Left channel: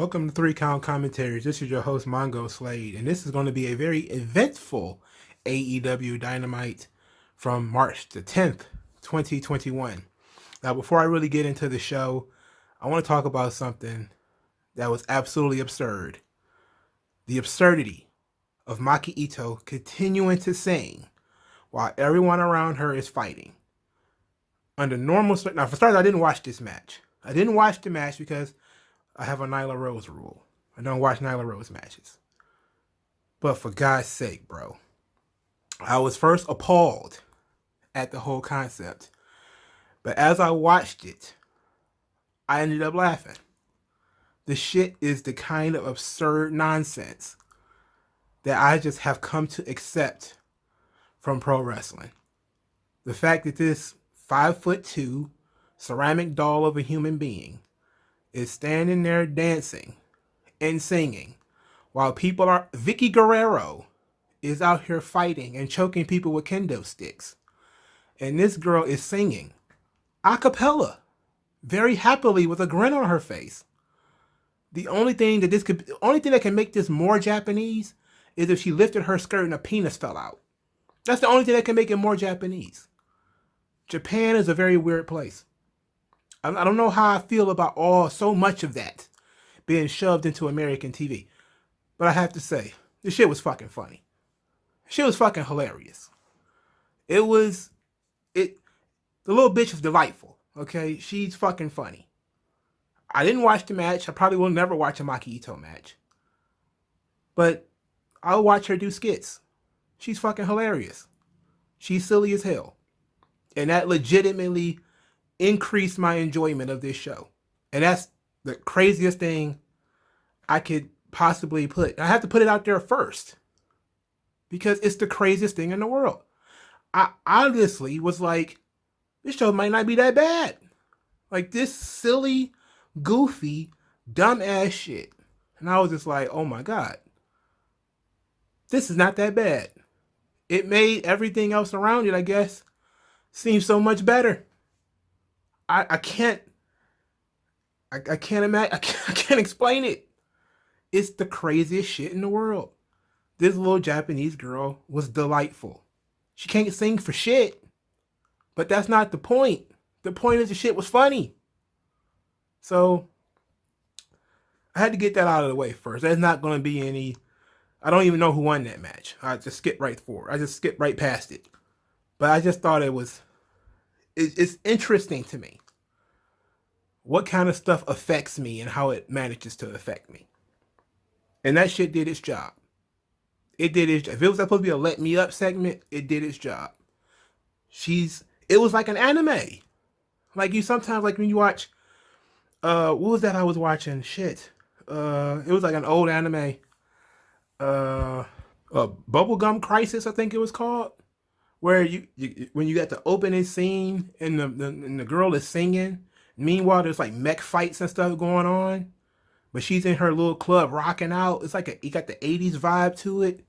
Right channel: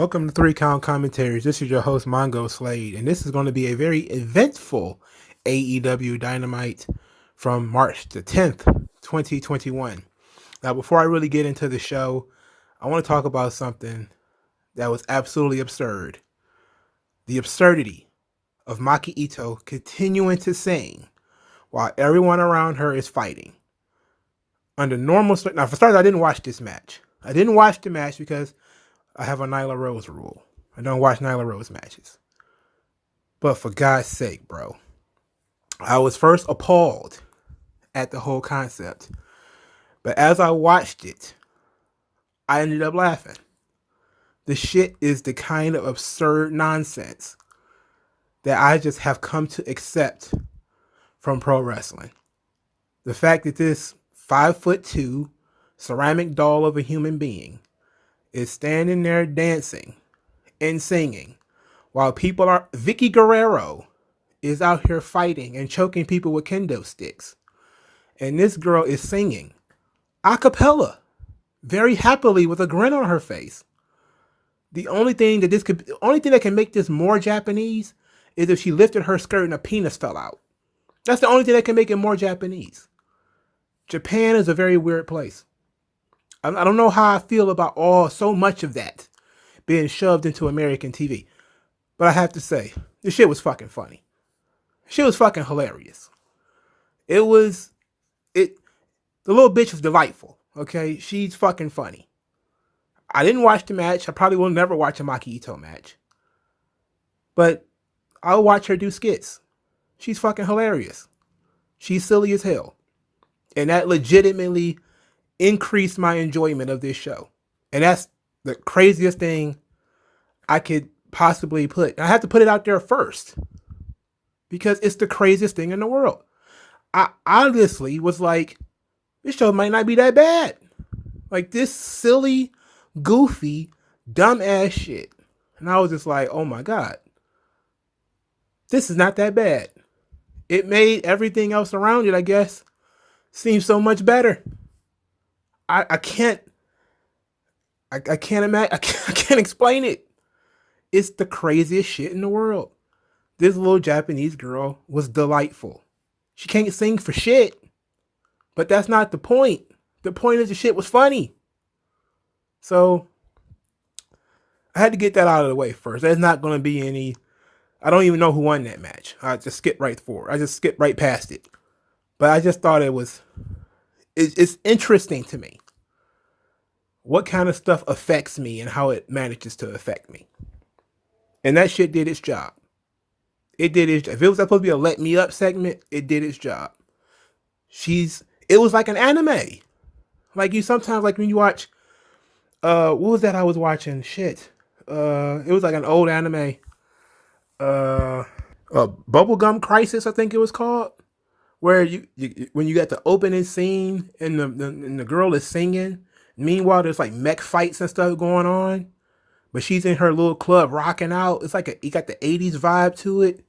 Welcome to Three Count Commentaries. This is your host, Mongo Slade, and this is going to be a very eventful AEW Dynamite from March the 10th, 2021. Now, before I really get into the show, I want to talk about something that was absolutely absurd. The absurdity of Maki Ito continuing to sing while everyone around her is fighting. Under normal... Now, for starters, I didn't watch this match. I didn't watch the match because I have a Nyla Rose rule. I don't watch Nyla Rose matches. But for God's sake, bro. I was first appalled at the whole concept. But as I watched it, I ended up laughing. The shit is the kind of absurd nonsense that I just have come to accept from pro wrestling. The fact that this 5'2" ceramic doll of a human being is standing there dancing and singing while people are... Vicky Guerrero is out here fighting and choking people with kendo sticks. And this girl is singing a cappella very happily with a grin on her face. The only thing that can make this more Japanese is if she lifted her skirt and a penis fell out. That's the only thing that can make it more Japanese. Japan is a very weird place. I don't know how I feel about so much of that being shoved into American TV. But I have to say, this shit was fucking funny. Shit was fucking hilarious. The little bitch was delightful, okay? She's fucking funny. I didn't watch the match. I probably will never watch a Maki Ito match. But I'll watch her do skits. She's fucking hilarious. She's silly as hell. And that legitimately increased my enjoyment of this show. And that's the craziest thing I could possibly put. I have to put it out there first because it's the craziest thing in the world. I honestly was like, this show might not be that bad. Like this silly, goofy, dumbass shit. And I was just like, oh my God, this is not that bad. It made everything else around it, I guess, seem so much better. I can't imagine. I can't explain it. It's the craziest shit in the world. This little Japanese girl was delightful. She can't sing for shit, but that's not the point. The point is the shit was funny. So I had to get that out of the way first. There's not going to be any... I don't even know who won that match. I just skipped right forward. I just skipped right past it. But I just thought it's interesting to me what kind of stuff affects me and how it manages to affect me. And that shit did its job. It did its job. If it was supposed to be a let me up segment, it did its job. It was like an anime. Like you sometimes, like when you watch, what was that I was watching? Shit. It was like an old anime. Bubblegum Crisis, I think it was called. Where when you got the opening scene and the girl is singing, meanwhile there's like mech fights and stuff going on, but she's in her little club rocking out. It's like you got the 80s vibe to it,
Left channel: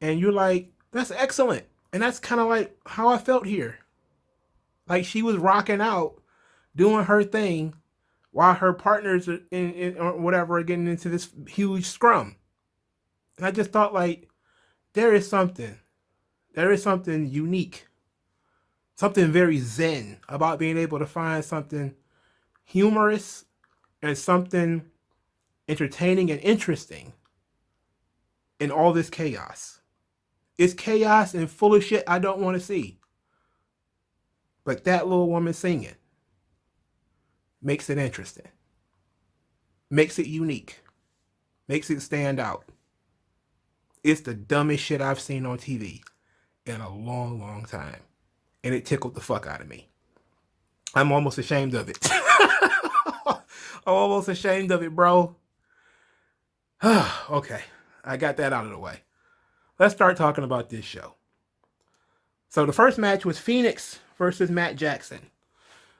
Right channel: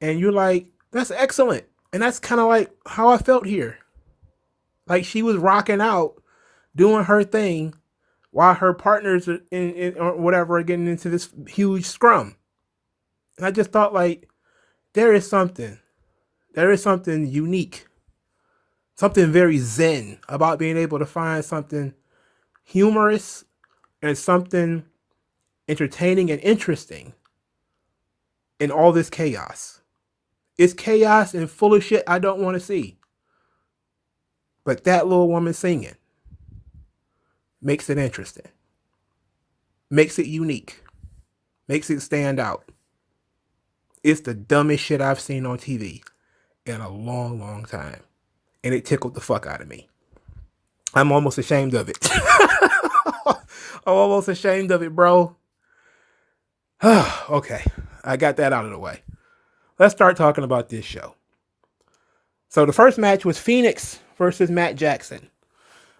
and you're like, that's excellent. And that's kind of like how I felt here. Like she was rocking out, doing her thing, while her partners in or whatever are getting into this huge scrum. And I just thought, like, there is something unique, something very zen about being able to find something humorous and something entertaining and interesting in all this chaos. It's chaos and full of shit I don't want to see. But that little woman singing makes it interesting, makes it unique, makes it stand out. It's the dumbest shit I've seen on TV in a long, long time. And it tickled the fuck out of me. I'm almost ashamed of it. I'm almost ashamed of it, bro. Okay, I got that out of the way. Let's start talking about this show. So the first match was Phoenix versus Matt Jackson.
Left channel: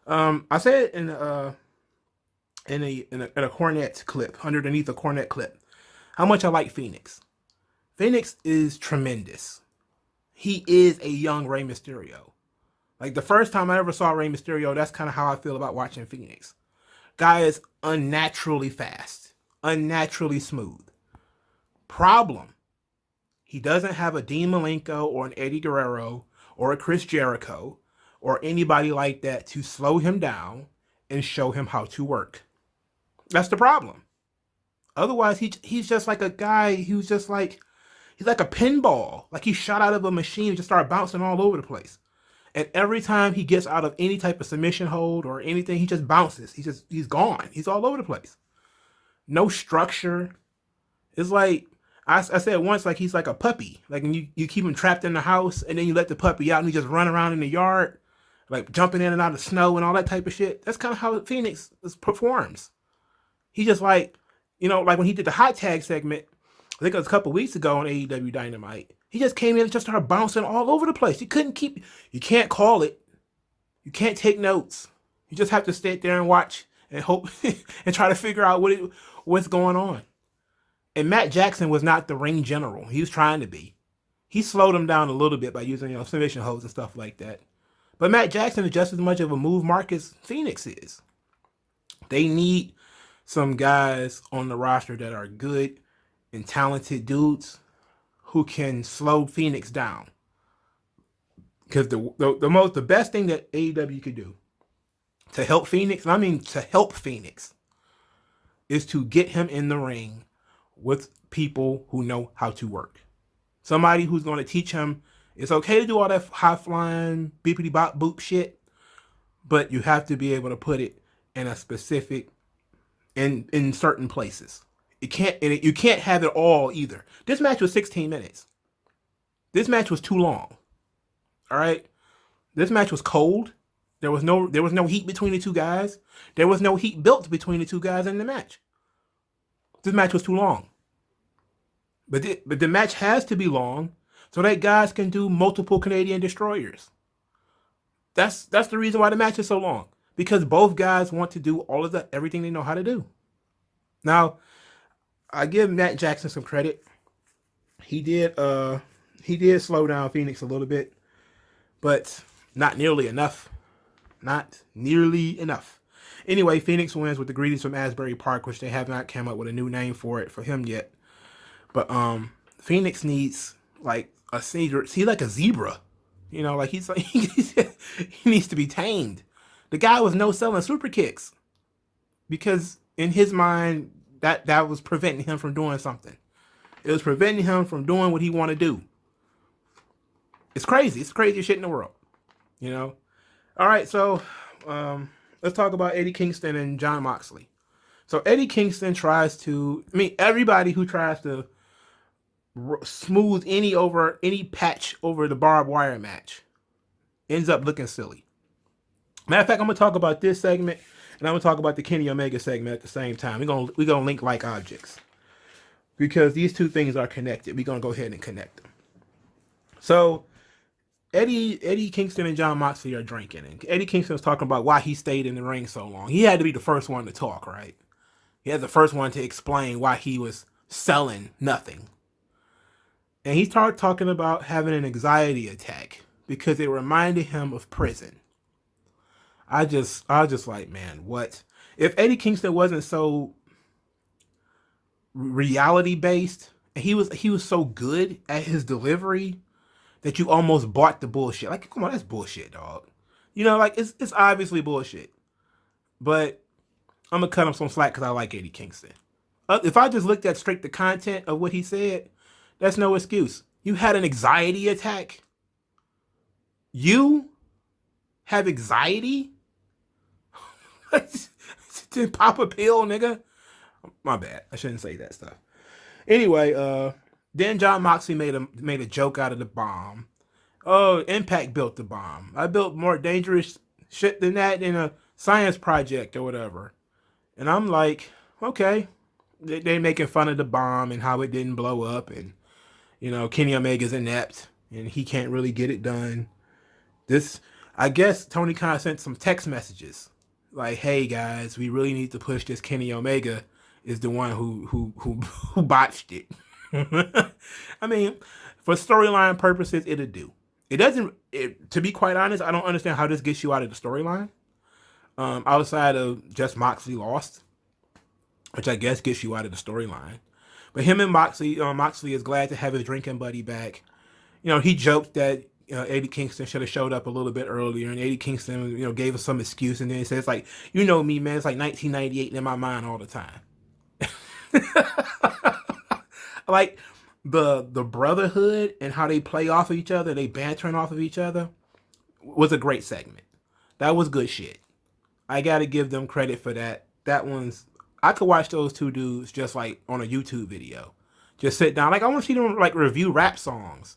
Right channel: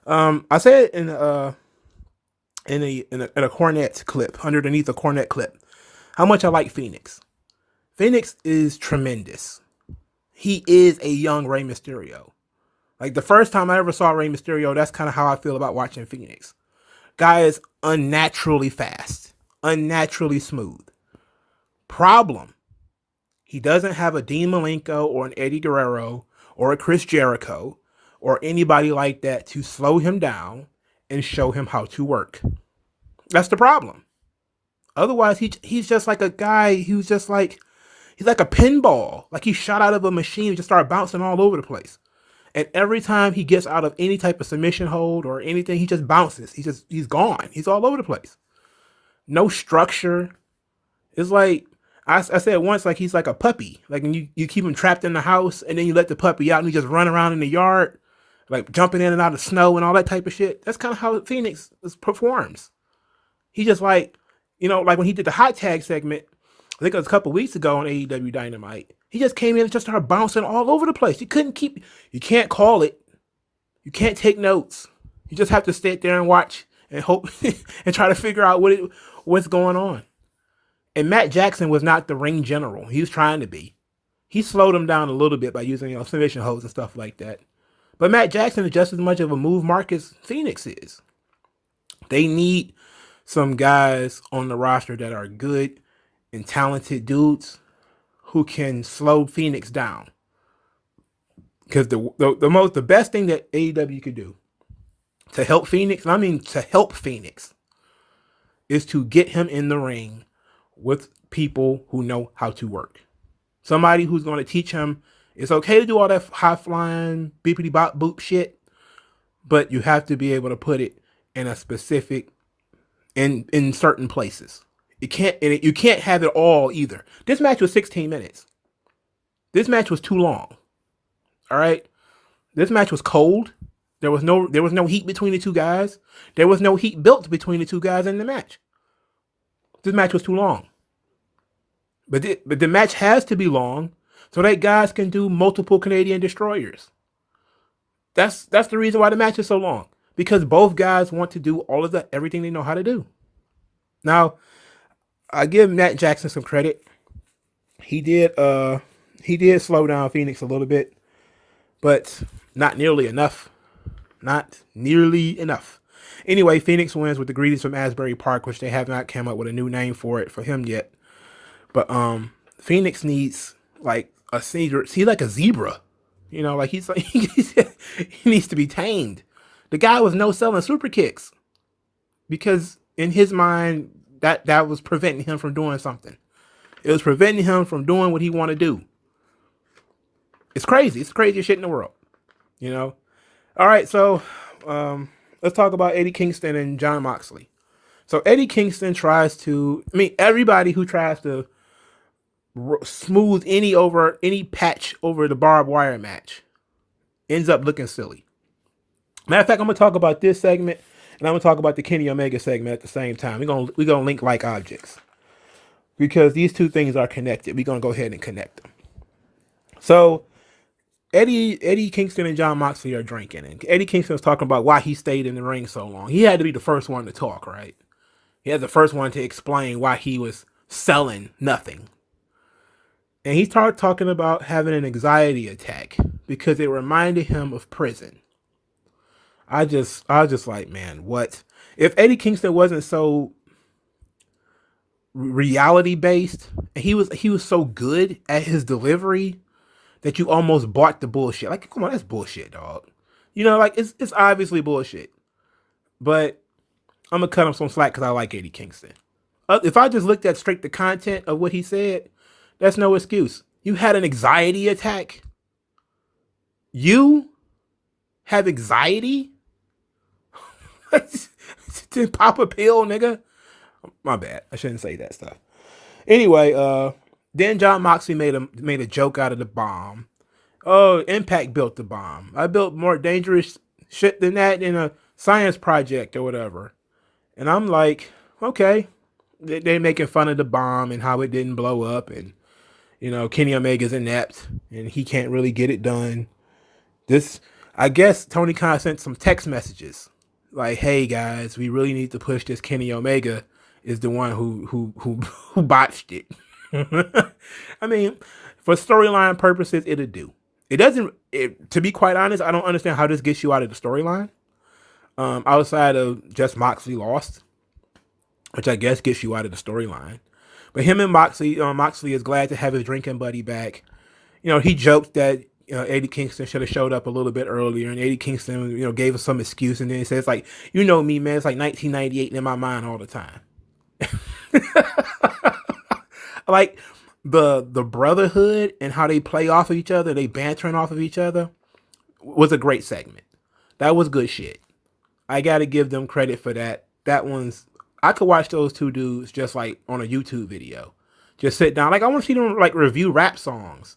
I said in a Cornette clip, underneath a Cornette clip, how much I like Phoenix. Phoenix is tremendous. He is a young Rey Mysterio. Like the first time I ever saw Rey Mysterio, that's kind of how I feel about watching Phoenix. Guy is unnaturally fast. unnaturally smooth. Problem, he doesn't have a Dean Malenko or an Eddie Guerrero or a Chris Jericho or anybody like that to slow him down and show him how to work. That's the problem. Otherwise, he's just like a guy who's just like, he's like a pinball. Like he shot out of a machine and just started bouncing all over the place. And every time he gets out of any type of submission hold or anything, he just bounces. He's gone. He's all over the place. No structure. It's like, I said once, like he's like a puppy. Like when you keep him trapped in the house and then you let the puppy out and he just run around in the yard, like jumping in and out of snow and all that type of shit. That's kind of how Phoenix performs. He just like, like when he did the hot tag segment, I think it was a couple weeks ago on AEW Dynamite, he just came in and just started bouncing all over the place. You can't call it. You can't take notes. You just have to sit there and watch and hope and try to figure out what's going on. And Matt Jackson was not the ring general. He was trying to be. He slowed him down a little bit by using submission holds and stuff like that. But Matt Jackson is just as much of a move mark as Phoenix is. They need some guys on the roster that are good and talented dudes who can slow Phoenix down. Because the best thing that AEW could do to help Phoenix, is to get him in the ring with people who know how to work. Somebody who's going to teach him it's okay to do all that high flying beepity bop boop shit, but you have to be able to put it in a specific in certain places. You can't have it all either. This match was 16 minutes. This match was too long. All right? This match was cold. There was no heat between the two guys. There was no heat built between the two guys in the match. This match was too long. But the match has to be long so that guys can do multiple Canadian destroyers. That's the reason why the match is so long. Because both guys want to do everything they know how to do. Now, I give Matt Jackson some credit. He did slow down Phoenix a little bit, but not nearly enough. Not nearly enough. Anyway, Phoenix wins with the Greedies from Asbury Park, which they have not come up with a new name for him yet. But Phoenix needs like a zebra. He's like a zebra. Like he's like he needs to be tamed. The guy was no selling super kicks because in his mind that was preventing him from doing something. It was preventing him from doing what he wanted to do. It's crazy. It's the craziest shit in the world. All right, so let's talk about Eddie Kingston and Jon Moxley. So Eddie Kingston everybody who tries to smooth any patch over the barbed wire match ends up looking silly. Matter of fact, I'm going to talk about this segment and I'm going to talk about the Kenny Omega segment at the same time. We're going to link like objects because these two things are connected. We're going to go ahead and connect them. So Eddie Kingston and Jon Moxley are drinking, and Eddie Kingston was talking about why he stayed in the ring so long. He had to be the first one to talk, right? He had the first one to explain why he was selling nothing. And he started talking about having an anxiety attack because it reminded him of prison. I was just like, man, what? If Eddie Kingston wasn't so reality based, and he was so good at his delivery that you almost bought the bullshit. Like, come on, that's bullshit, dog. Like it's obviously bullshit. But I'm gonna cut him some slack because I like Eddie Kingston. If I just looked at straight the content of what he said, that's no excuse. You had an anxiety attack. You have anxiety? To pop a pill, nigga? My bad. I shouldn't say that stuff. Anyway, then Jon Moxley made a joke out of the bomb. Oh, Impact built the bomb. I built more dangerous shit than that in a science project or whatever. And I'm like, okay. They're making fun of the bomb and how it didn't blow up. And, Kenny Omega's inept and he can't really get it done. I guess Tony Khan sent some text messages. Like, hey guys, we really need to push this. Kenny Omega is the one who botched it. I mean, for storyline purposes, it'll do. It doesn't. To be quite honest, I don't understand how this gets you out of the storyline. Outside of just Moxley lost, which I guess gets you out of the storyline. But him and Moxley is glad to have his drinking buddy back. He joked that Eddie Kingston should have showed up a little bit earlier, and Eddie Kingston, gave us some excuse, and then he says like, me, man, it's like 1998 in my mind all the time. Like the brotherhood and how they play off of each other, they bantering off of each other, was a great segment. That was good shit. I gotta give them credit for that. I could watch those two dudes just like on a YouTube video. Just sit down. Like I want to see them like review rap songs.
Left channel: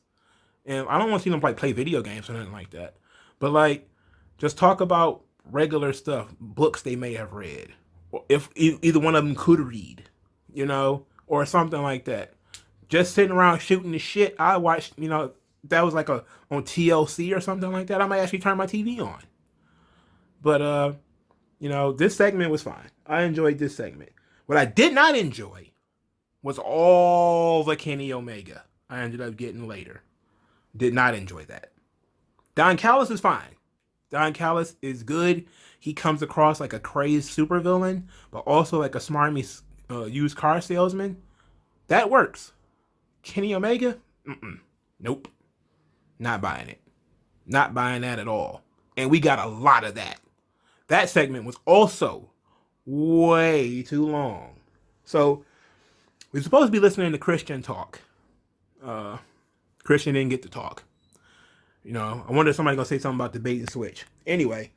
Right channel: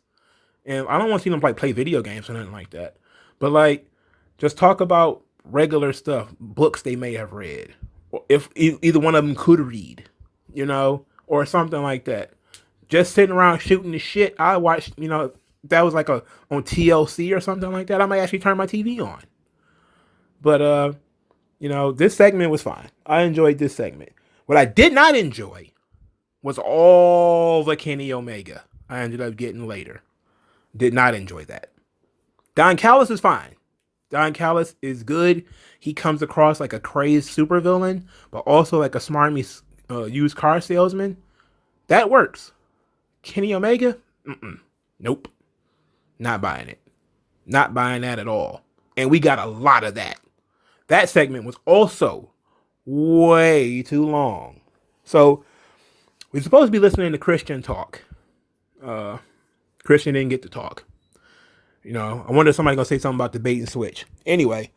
And I don't want to see them like play video games or nothing like that. But like just talk about regular stuff, books they may have read. If either one of them could read, or something like that. Just sitting around shooting the shit. I watched, that was like on TLC or something like that. I might actually turn my TV on. But this segment was fine. I enjoyed this segment. What I did not enjoy was all the Kenny Omega I ended up getting later. Did not enjoy that. Don Callis is fine. Don Callis is good. He comes across like a crazed supervillain, but also like a smarmy used car salesman. That works. Kenny Omega? Nope. Not buying it. Not buying that at all. And we got a lot of that. That segment was also way too long. So we're supposed to be listening to Christian talk. Christian didn't get to talk. I wonder if somebody's going to say something about the bait and switch. Anyway,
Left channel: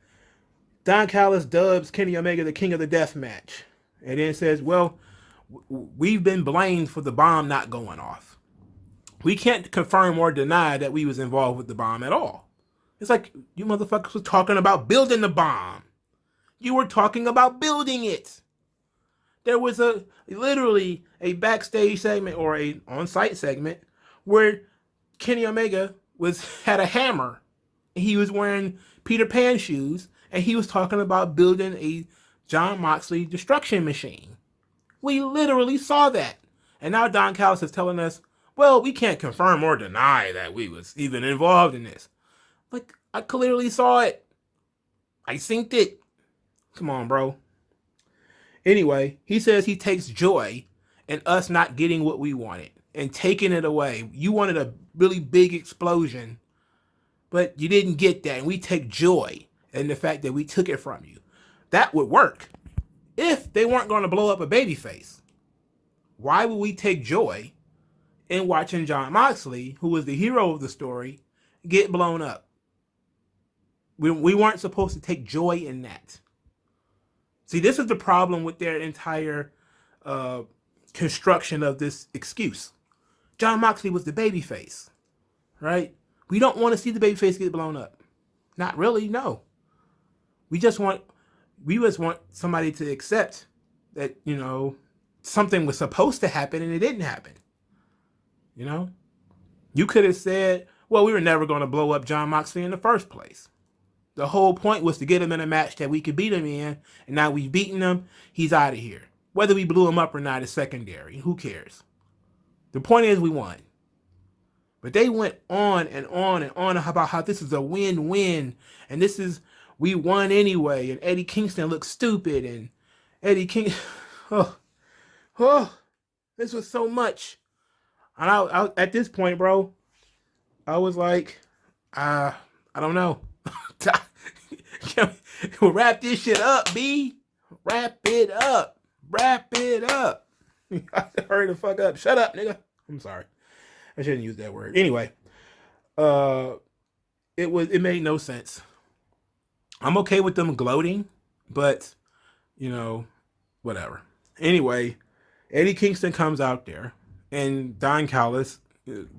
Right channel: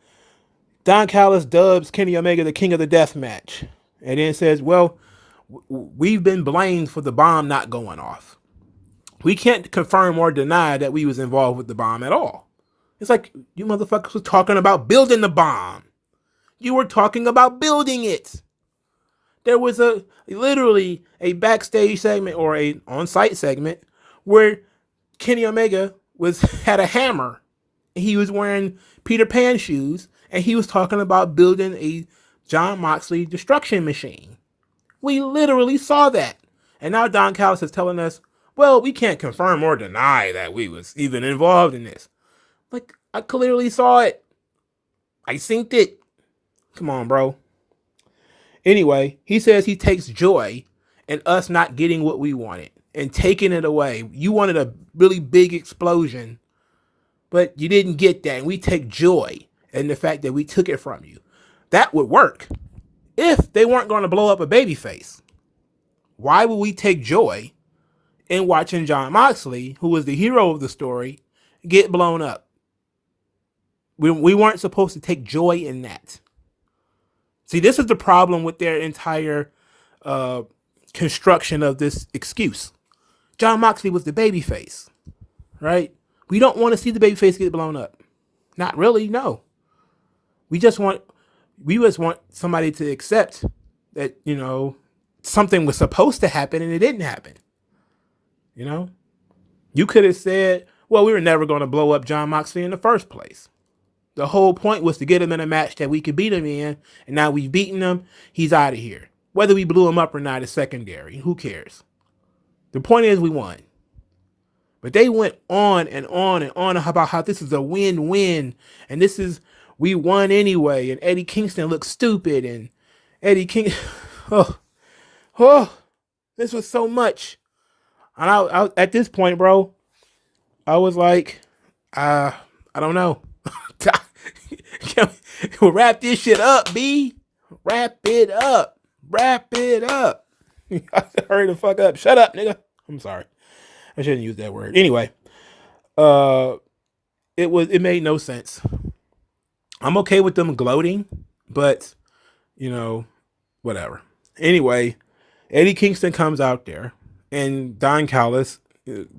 Don Callis dubs Kenny Omega the king of the death match. And then says, well, we've been blamed for the bomb not going off. We can't confirm or deny that we was involved with the bomb at all. It's like, you motherfuckers were talking about building the bomb. You were talking about building it. There was literally a backstage segment or a on-site segment where Kenny Omega had a hammer. He was wearing Peter Pan shoes, and he was talking about building a Jon Moxley destruction machine. We literally saw that. And now Don Callis is telling us, well, we can't confirm or deny that we was even involved in this. Like, I clearly saw it. I synced it. Come on, bro. Anyway, he says he takes joy in us not getting what we wanted and taking it away. You wanted a really big explosion, but you didn't get that. And we take joy in the fact that we took it from you. That would work if they weren't going to blow up a babyface. Why would we take joy in watching Jon Moxley, who was the hero of the story, get blown up? We weren't supposed to take joy in that. See, this is the problem with their entire construction of this excuse. Jon Moxley was the babyface, right? We don't want to see the babyface get blown up. Not really, no. We just want somebody to accept that, something was supposed to happen and it didn't happen. You could have said, well, we were never going to blow up Jon Moxley in the first place. The whole point was to get him in a match that we could beat him in, and now we've beaten him, he's out of here. Whether we blew him up or not is secondary. Who cares? The point is we won. But they went on and on and on about how this is a win-win, and we won anyway, and Eddie Kingston looked stupid, and Eddie King, this was so much. And I at this point, bro, I was like, I don't know. We'll wrap this shit up, B. Wrap it up. Wrap it up. Hurry the fuck up. Shut up, nigga. I'm sorry. I shouldn't use that word. Anyway, it made no sense. I'm okay with them gloating, but whatever. Anyway, Eddie Kingston comes out there, and Don Callis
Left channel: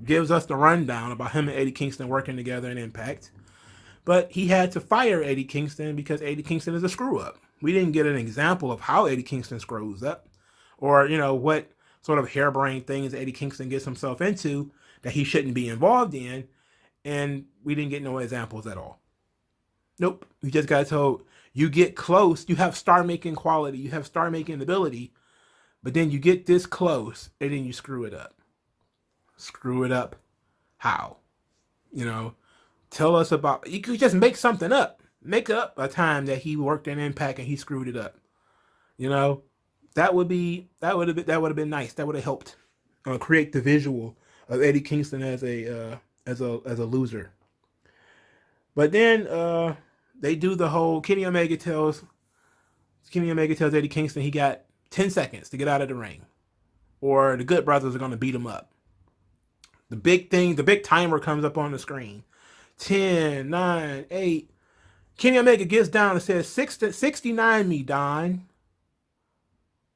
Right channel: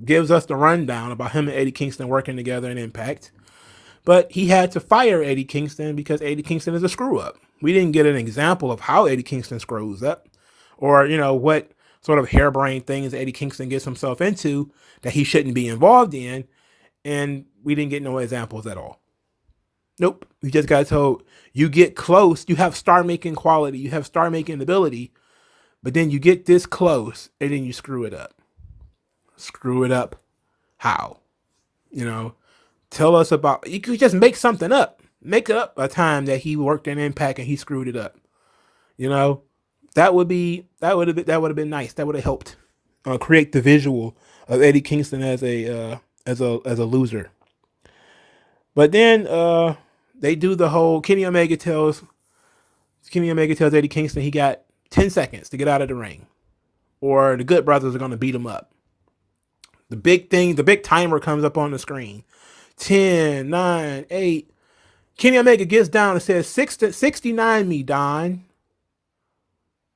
gives us the rundown about him and Eddie Kingston working together in Impact. But he had to fire Eddie Kingston because Eddie Kingston is a screw-up. We didn't get an example of how Eddie Kingston screws up or, what sort of harebrained things Eddie Kingston gets himself into that he shouldn't be involved in. And we didn't get no examples at all. Nope. We just got told you get close. You have star-making quality. You have star-making ability. But then you get this close and then you screw it up. Screw it up. How? Tell us about, you could just make something up. Make up a time that he worked in Impact and he screwed it up. That would have been nice. That would have helped create the visual of Eddie Kingston as a loser. But then they do the whole Kenny Omega tells Eddie Kingston he got 10 seconds to get out of the ring, or the Good Brothers are going to beat him up. The big timer comes up on the screen. 10, 9, 8. Kenny Omega gets down and says, 69 me, Don.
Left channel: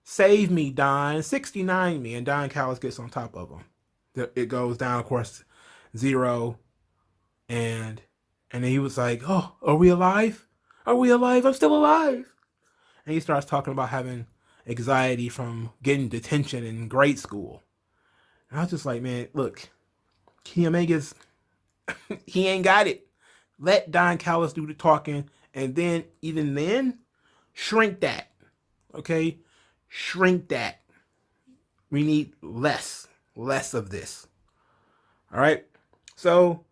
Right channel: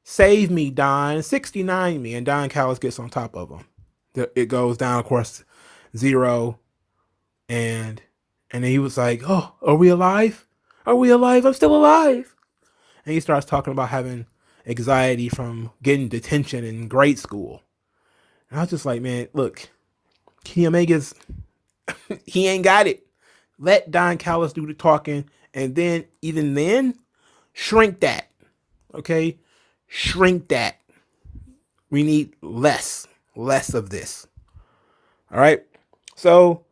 Save me, Don. 69 me. And Don Callis gets on top of him. It goes down, of course, 0. And then he was like, oh, are we alive? Are we alive? I'm still alive. And he starts talking about having anxiety from getting detention in grade school. And I was just like, man, look, Kenny Omega's, he ain't got it. Let Don Callis do the talking. And then, even then, shrink that. Okay? Shrink that. We need less of this. All right? So,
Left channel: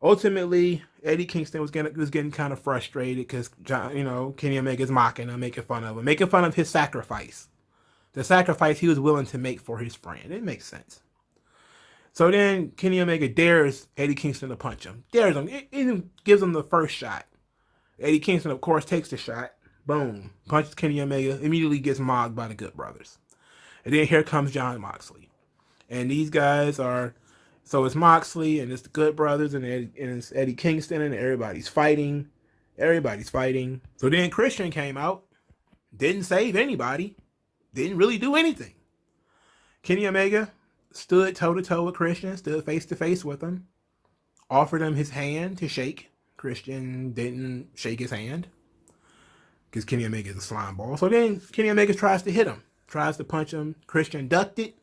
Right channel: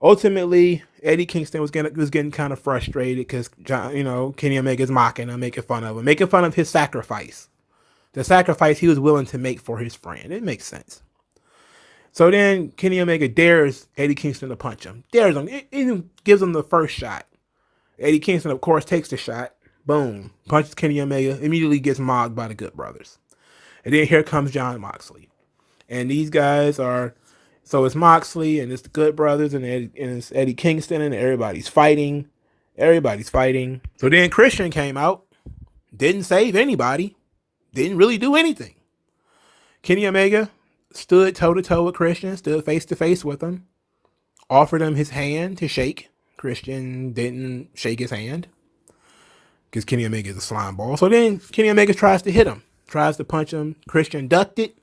ultimately, Eddie Kingston was getting kind of frustrated because Kenny Omega's mocking him, making fun of his sacrifice, the sacrifice he was willing to make for his friend. It makes sense. So then Kenny Omega dares Eddie Kingston to punch him, dares him, even gives him the first shot. Eddie Kingston, of course, takes the shot. Boom, punches Kenny Omega, immediately gets mobbed by the Good Brothers, and then here comes Jon Moxley, and these guys are. So it's Moxley and it's the Good Brothers and it's Eddie Kingston and everybody's fighting. So then Christian came out, didn't save anybody, didn't really do anything. Kenny Omega stood toe-to-toe with Christian, stood face-to-face with him, offered him his hand to shake. Christian didn't shake his hand because Kenny Omega is a slime ball. So then Kenny Omega tries to hit him, tries to punch him. Christian ducked it,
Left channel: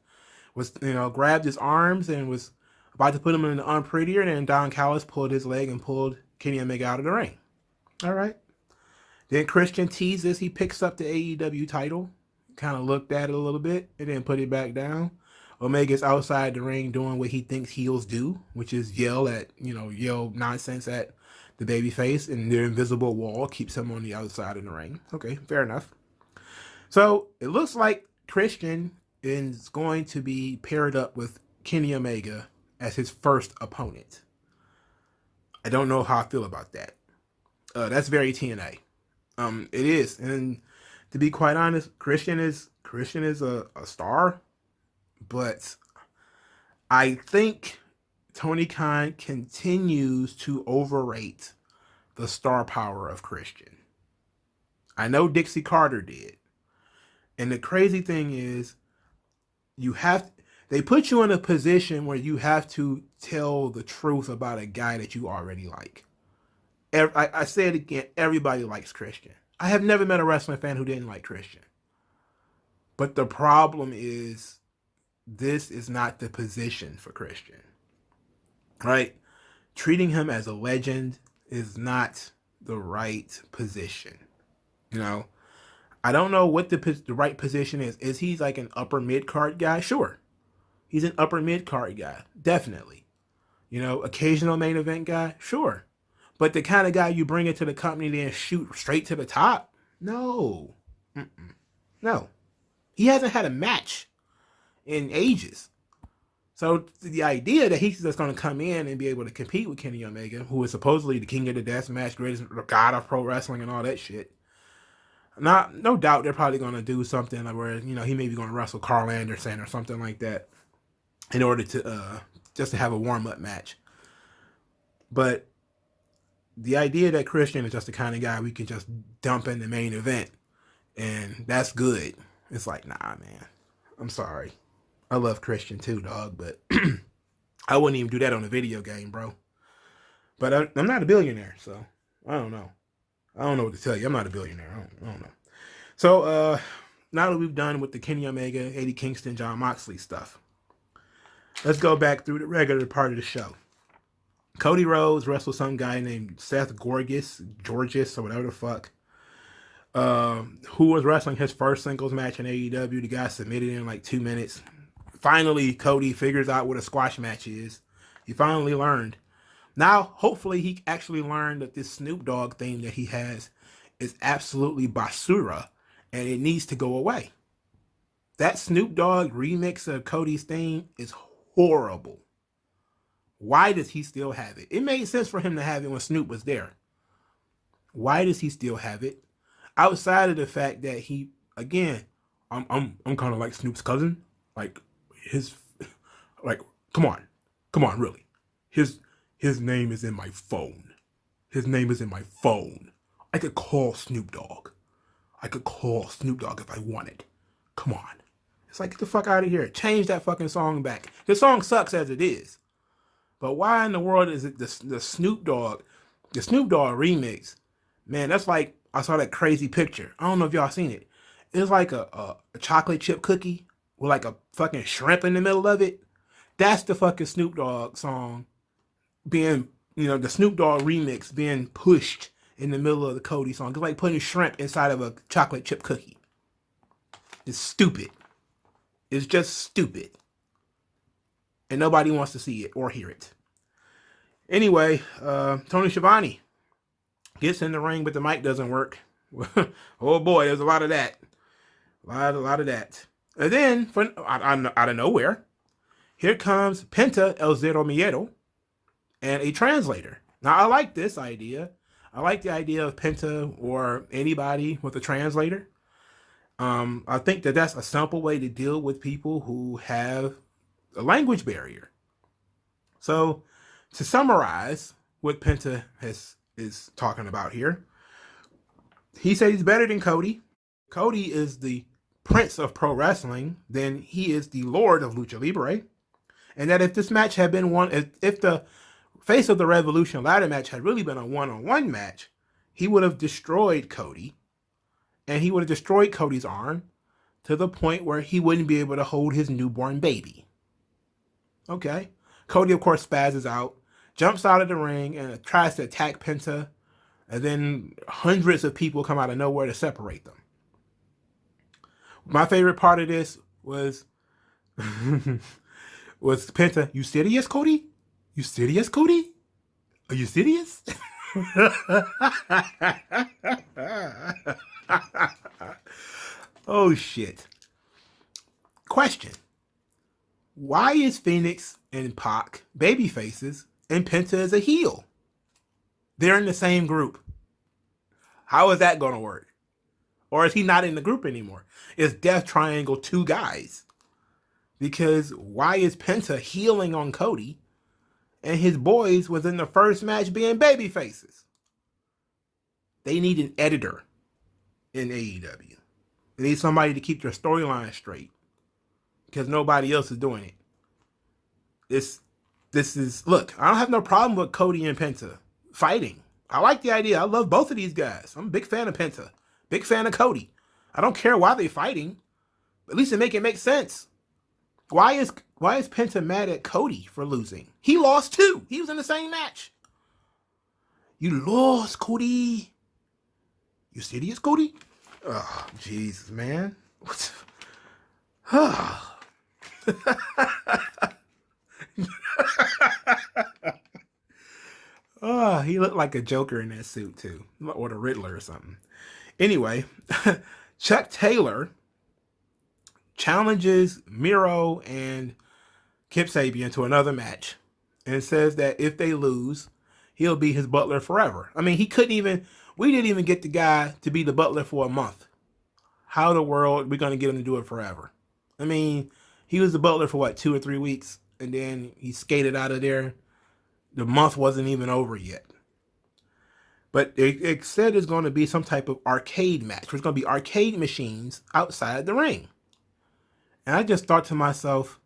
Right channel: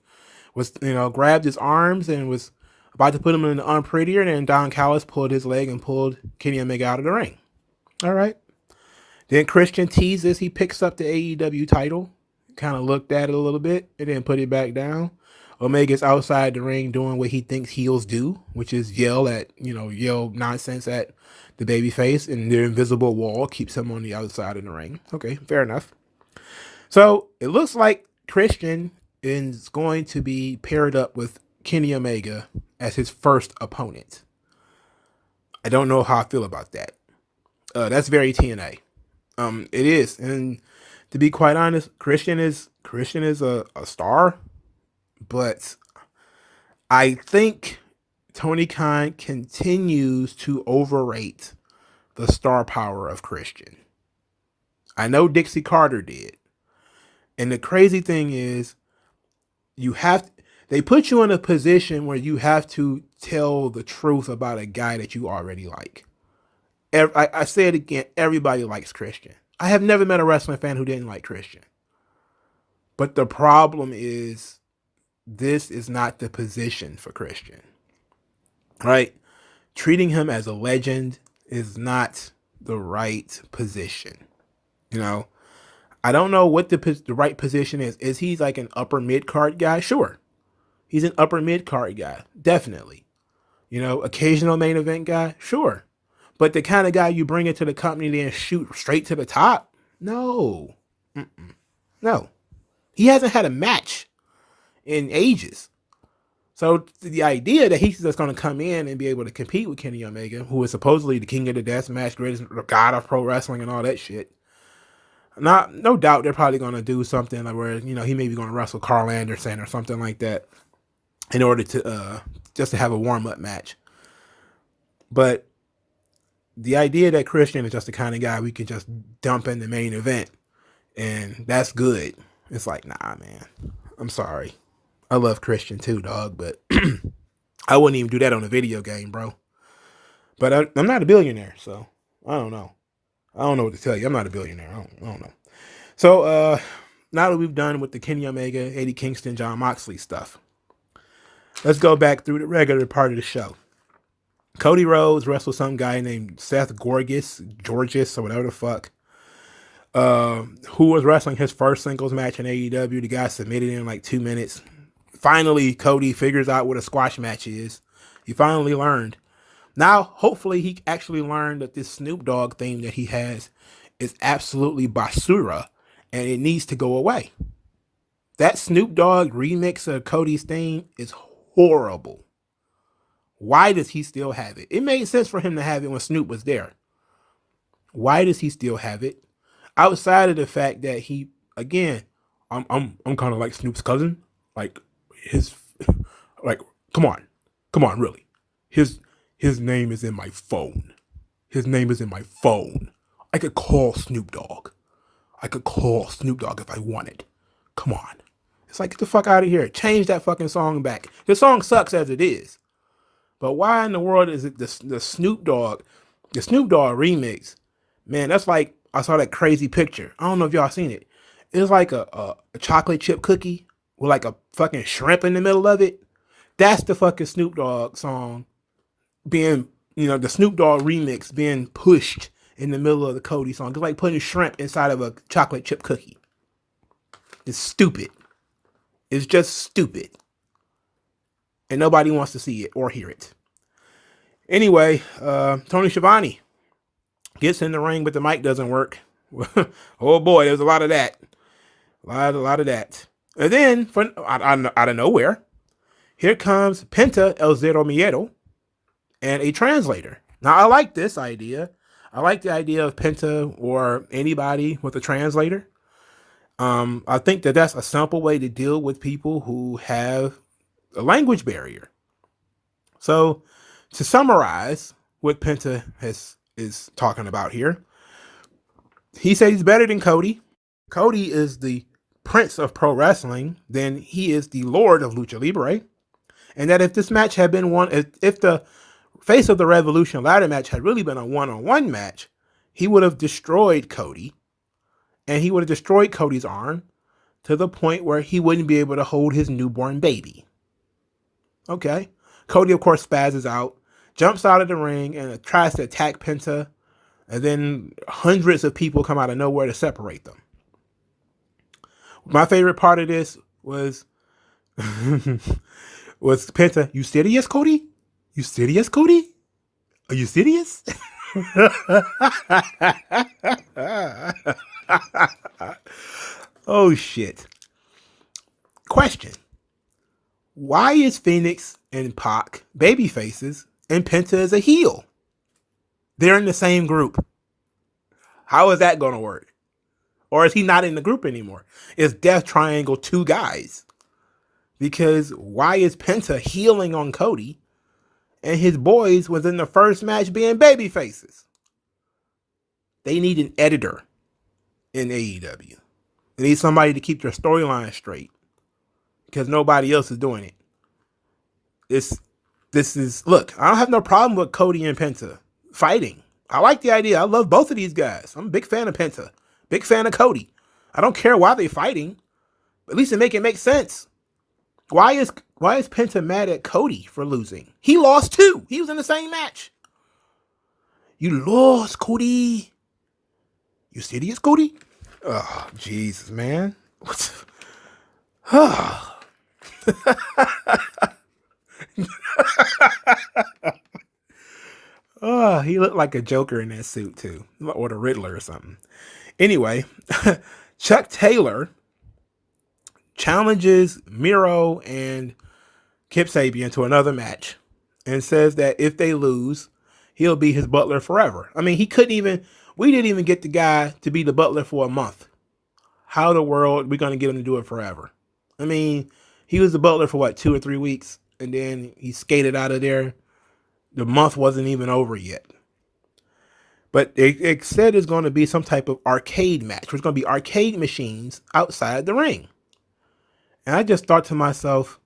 grabbed his arms and was about to put him in the unprettier, and then Don Callis pulled his leg and pulled Kenny Omega out of the ring. All right. Then Christian teases. He picks up the AEW title, kind of looked at it a little bit, and then put it back down. Omega's outside the ring doing what he thinks heels do, which is yell nonsense at the babyface, and their invisible wall keeps him on the outside of the ring. Okay, fair enough. So it looks like Christian is going to be paired up with Kenny Omega as his first opponent. I don't know how I feel about that. That's very TNA. It is, and to be quite honest, Christian is a star, but I think Tony Khan continues to overrate the star power of Christian. I know Dixie Carter did, and the crazy thing is, they put you in a position where you have to tell the truth about a guy that you already like. I say it again, everybody likes Christian. I have never met a wrestling fan who didn't like Christian. But the problem is, this is not the position for Christian. Right? Treating him as a legend is not the right position. I don't know what the right position is. Is he like an upper mid-card guy? Sure. He's an upper mid-card guy. Definitely. Occasional main event guy? Sure. But the kind of guy you bring into the company and shoot straight to the top? No. No. He hasn't had a match in ages. So the idea that he's just going to come in and be able to compete with Kenny Omega, who is supposedly the king of the death match, greatest god of pro wrestling and all that shit. No doubt they're probably going to do something like where, he may be going to wrestle Carl Anderson or something like that in order to just to have a warm-up match. But the idea that Christian is just the kind of guy we can just dump in the main event and that's good. It's like, nah, man. I'm sorry. I love Christian too, dog, but I wouldn't even do that on a video game, bro. But I'm not a billionaire, so I don't know. I don't know what to tell you. I'm not a billionaire. I don't know. So now that we've done with the Kenny Omega, Eddie Kingston, Jon Moxley stuff, let's go back through the regular part of the show. Cody Rhodes wrestled some guy named Seth Georgis, or whatever the fuck, who was wrestling his first singles match in AEW. The guy submitted in like 2 minutes. Finally, Cody figures out what a squash match is. He finally learned. Now, hopefully, he actually learned that this Snoop Dogg theme that he has is absolutely basura, and it needs to go away. That Snoop Dogg remix of Cody's theme is horrible. Why does he still have it? It made sense for him to have it when Snoop was there. Why does he still have it? Outside of the fact that he, again, I'm kind of like Snoop's cousin. Like his, like, come on, really. His name is in my phone. His name is in my phone. I could call Snoop Dogg. if I wanted. Come on. It's like, get the fuck out of here. Change that fucking song back. The song sucks as it is. But why in the world is it the Snoop Dogg remix? Man, that's like, I saw that crazy picture. I don't know if y'all seen it. It's like a chocolate chip cookie with like a fucking shrimp in the middle of it. That's the fucking Snoop Dogg song being, the Snoop Dogg remix being pushed in the middle of the Cody song. It's like putting shrimp inside of a chocolate chip cookie. It's stupid. It's just stupid. And nobody wants to see it or hear it. Anyway, Tony Schiavone gets in the ring, but the mic doesn't work. Oh boy, there's a lot of that. A lot of that. And then, out of nowhere, here comes Penta El Zero Miedo and a translator. Now, I like this idea. I like the idea of Penta or anybody with a translator. I think that that's a simple way to deal with people who have a language barrier. So, to summarize what Penta is talking about here, he says he's better than Cody. Cody is the prince of pro wrestling, then he is the lord of lucha libre. And that if this match had been if the Face of the Revolution ladder match had really been a one-on-one match, he would have destroyed Cody. And he would have destroyed Cody's arm to the point where he wouldn't be able to hold his newborn baby. Okay. Cody, of course, spazzes out, jumps out of the ring, and tries to attack Penta. And then hundreds of people come out of nowhere to separate them. My favorite part of this was Penta. You serious, Cody? You serious, Cody? Are you serious? Oh, shit. Question. Why is Phoenix and Pac baby faces and Penta is a heel? They're in the same group. How is that going to work? Or is he not in the group anymore? Is Death Triangle two guys? Because why is Penta healing on Cody and his boys was in the first match being baby faces? They need an editor in AEW. They need somebody to keep their storyline straight because nobody else is doing it. This is, look, I don't have no problem with Cody and Penta fighting. I like the idea. I love both of these guys. I'm a big fan of Penta. Big fan of Cody. I don't care why they're fighting. At least it make sense. Why is Penta mad at Cody for losing? He lost too. He was in the same match. You lost, Cody. You serious, Cody? Oh, Jesus, man. What? Oh, he looked like a Joker in that suit too, or the Riddler or something. Anyway, Chuck Taylor challenges Miro and Kip Sabian to another match and says that if they lose, he'll be his butler forever. I mean, we didn't even get the guy to be the butler for a month. How in the world are we going to get him to do it forever? I mean, he was the butler for what, 2 or 3 weeks, and then he skated out of there. The month wasn't even over yet. But it said it's going to be some type of arcade match. There's going to be arcade machines outside the ring. And I just thought to myself,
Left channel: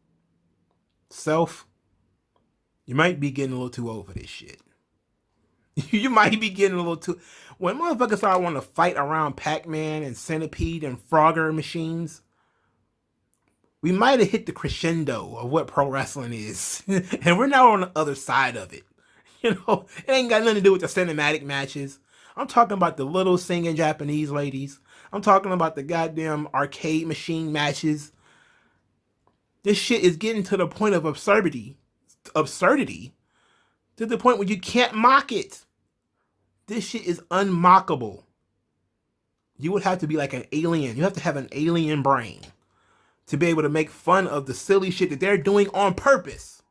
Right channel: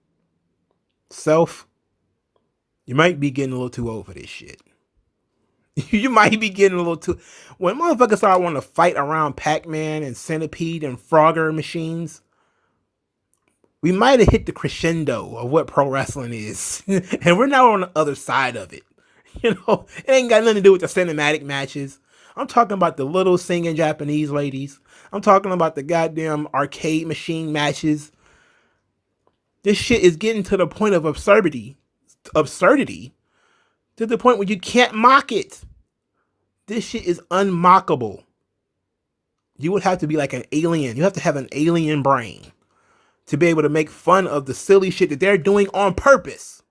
you might be getting a little too old for this shit. You might be getting a little too... When motherfuckers start wanting to fight around Pac-Man and Centipede and Frogger machines, we might have hit the crescendo of what pro wrestling is. And we're now on the other side of it. It ain't got nothing to do with the cinematic matches. I'm talking about the little singing Japanese ladies. I'm talking about the goddamn arcade machine matches. This shit is getting to the point of absurdity to the point where you can't mock it. This shit is unmockable. You would have to be like an alien. You have to have an alien brain to be able to make fun of the silly shit that they're doing on purpose.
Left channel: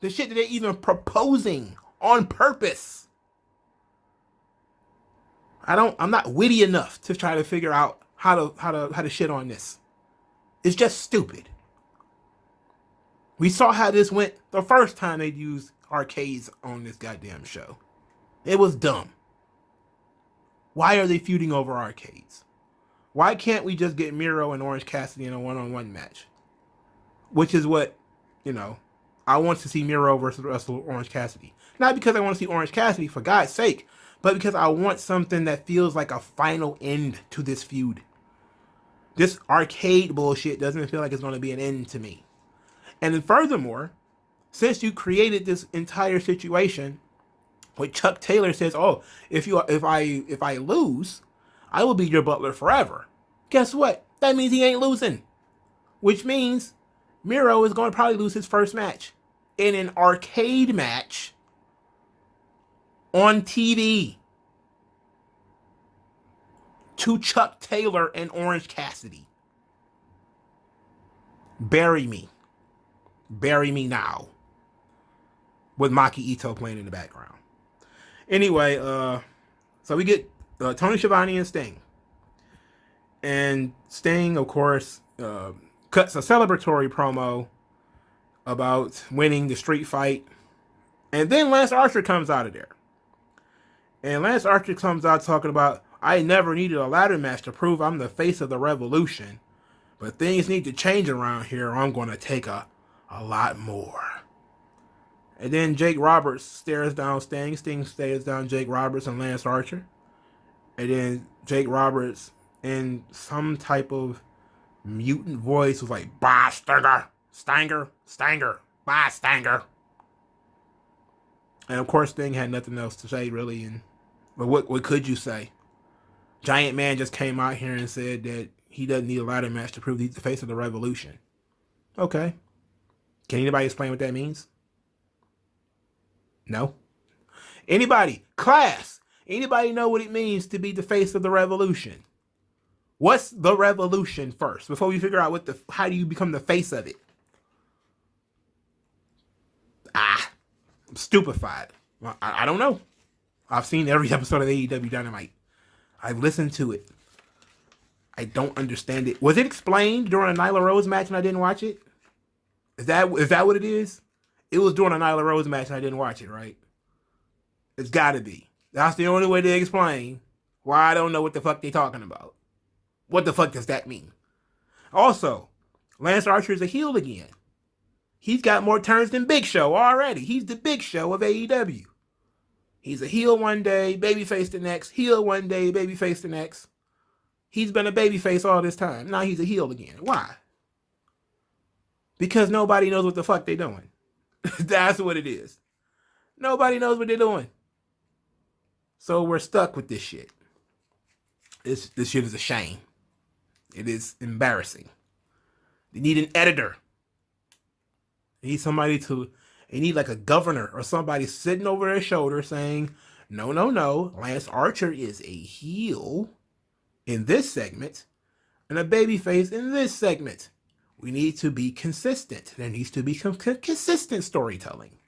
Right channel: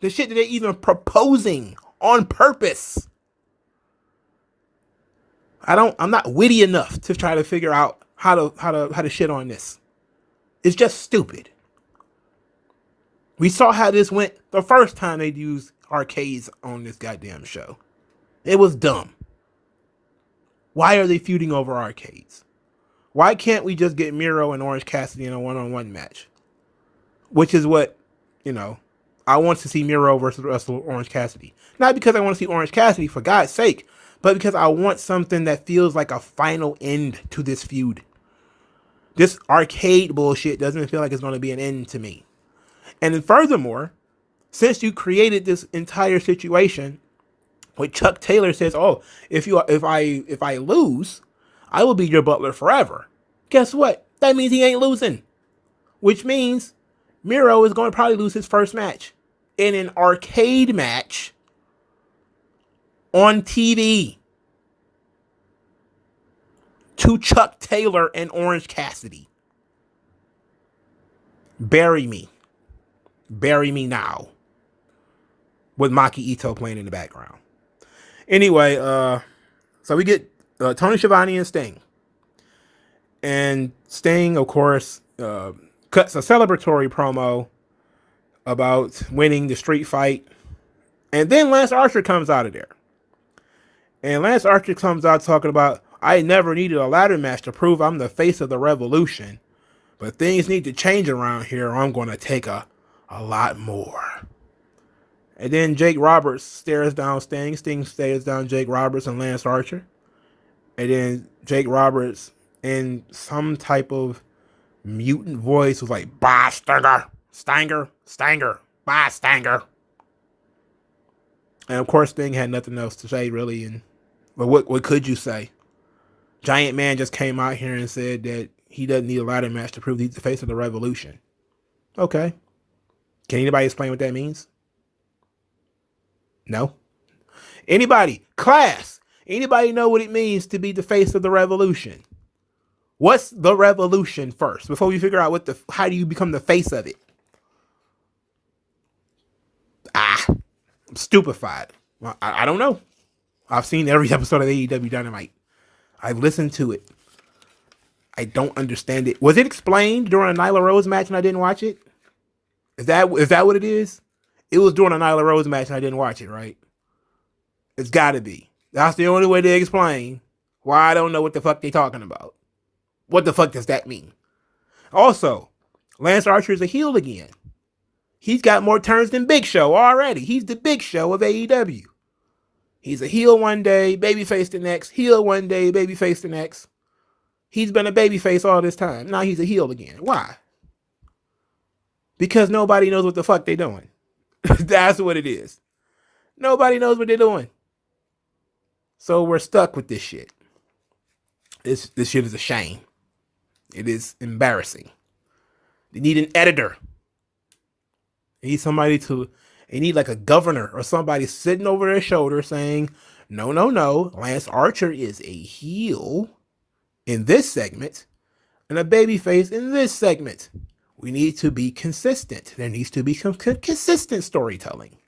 The shit that they're even proposing on purpose. I'm not witty enough to try to figure out how to shit on this. It's just stupid. We saw how this went the first time they used arcades on this goddamn show. It was dumb. Why are they feuding over arcades? Why can't we just get Miro and Orange Cassidy in a one-on-one match? Which is what, I want to see Miro versus Orange Cassidy. Not because I want to see Orange Cassidy, for God's sake, but because I want something that feels like a final end to this feud. This arcade bullshit doesn't feel like it's going to be an end to me. And then furthermore, since you created this entire situation, when Chuck Taylor says, "Oh, if I lose, I will be your butler forever." Guess what? That means he ain't losing. Which means Miro is going to probably lose his first match in an arcade match on TV to Chuck Taylor and Orange Cassidy. Bury me. Bury me now. With Maki Ito playing in the background. Anyway, so we get Tony Schiavone and Sting. And Sting, of course, cuts a celebratory promo about winning the street fight. And then Lance Archer comes out of there. And Lance Archer comes out talking about, "I never needed a ladder match to prove I'm the face of the revolution. But things need to change around here or I'm going to take a lot more." And then Jake Roberts stares down Sting. Sting stares down Jake Roberts and Lance Archer. And then Jake Roberts, in some type of mutant voice, was like, "Bye, Stanger, bye, Stanger." And of course, Sting had nothing else to say, really. But what could you say? Giant Man just came out here and said that he doesn't need a ladder match to prove he's the face of the revolution. Okay. Can anybody explain what that means? No. Anybody? Class. Anybody know what it means to be the face of the revolution? What's the revolution first before we figure out how do you become the face of it? I'm stupefied. I don't know. I've seen every episode of AEW Dynamite. I've listened to it. I don't understand it. Was it explained during a Nyla Rose match and I didn't watch it? Is that what it is? It was during a Nyla Rose match and I didn't watch it, right? It's got to be. That's the only way to explain why I don't know what the fuck they talking about. What the fuck does that mean? Also, Lance Archer is a heel again. He's got more turns than Big Show already. He's the Big Show of AEW. He's a heel one day, babyface the next. Heel one day, babyface the next. He's been a babyface all this time. Now he's a heel again. Why? Because nobody knows what the fuck they're doing. That's what it is. Nobody knows what they're doing. So we're stuck with this shit. This shit is a shame. It is embarrassing. They need an editor. They need like a governor or somebody sitting over their shoulder saying, no, Lance Archer is a heel in this segment and a babyface in this segment. We need to be consistent. There needs to be some consistent storytelling.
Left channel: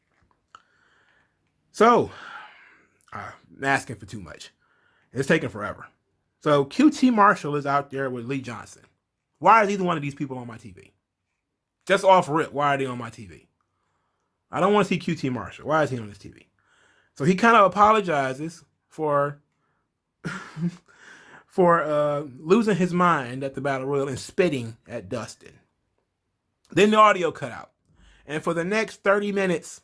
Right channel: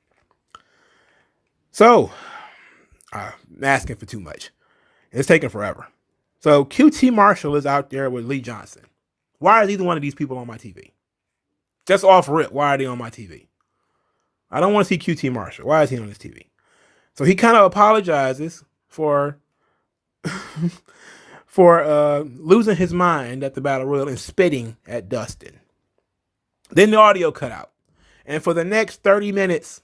So, I'm asking for too much. It's taking forever. So, QT Marshall is out there with Lee Johnson. Why is either one of these people on my TV? Just off rip, why are they on my TV? I don't want to see QT Marshall. Why is he on this TV? So he kind of apologizes for losing his mind at the Battle Royal and spitting at Dustin. Then the audio cut out. And for the next 30 minutes,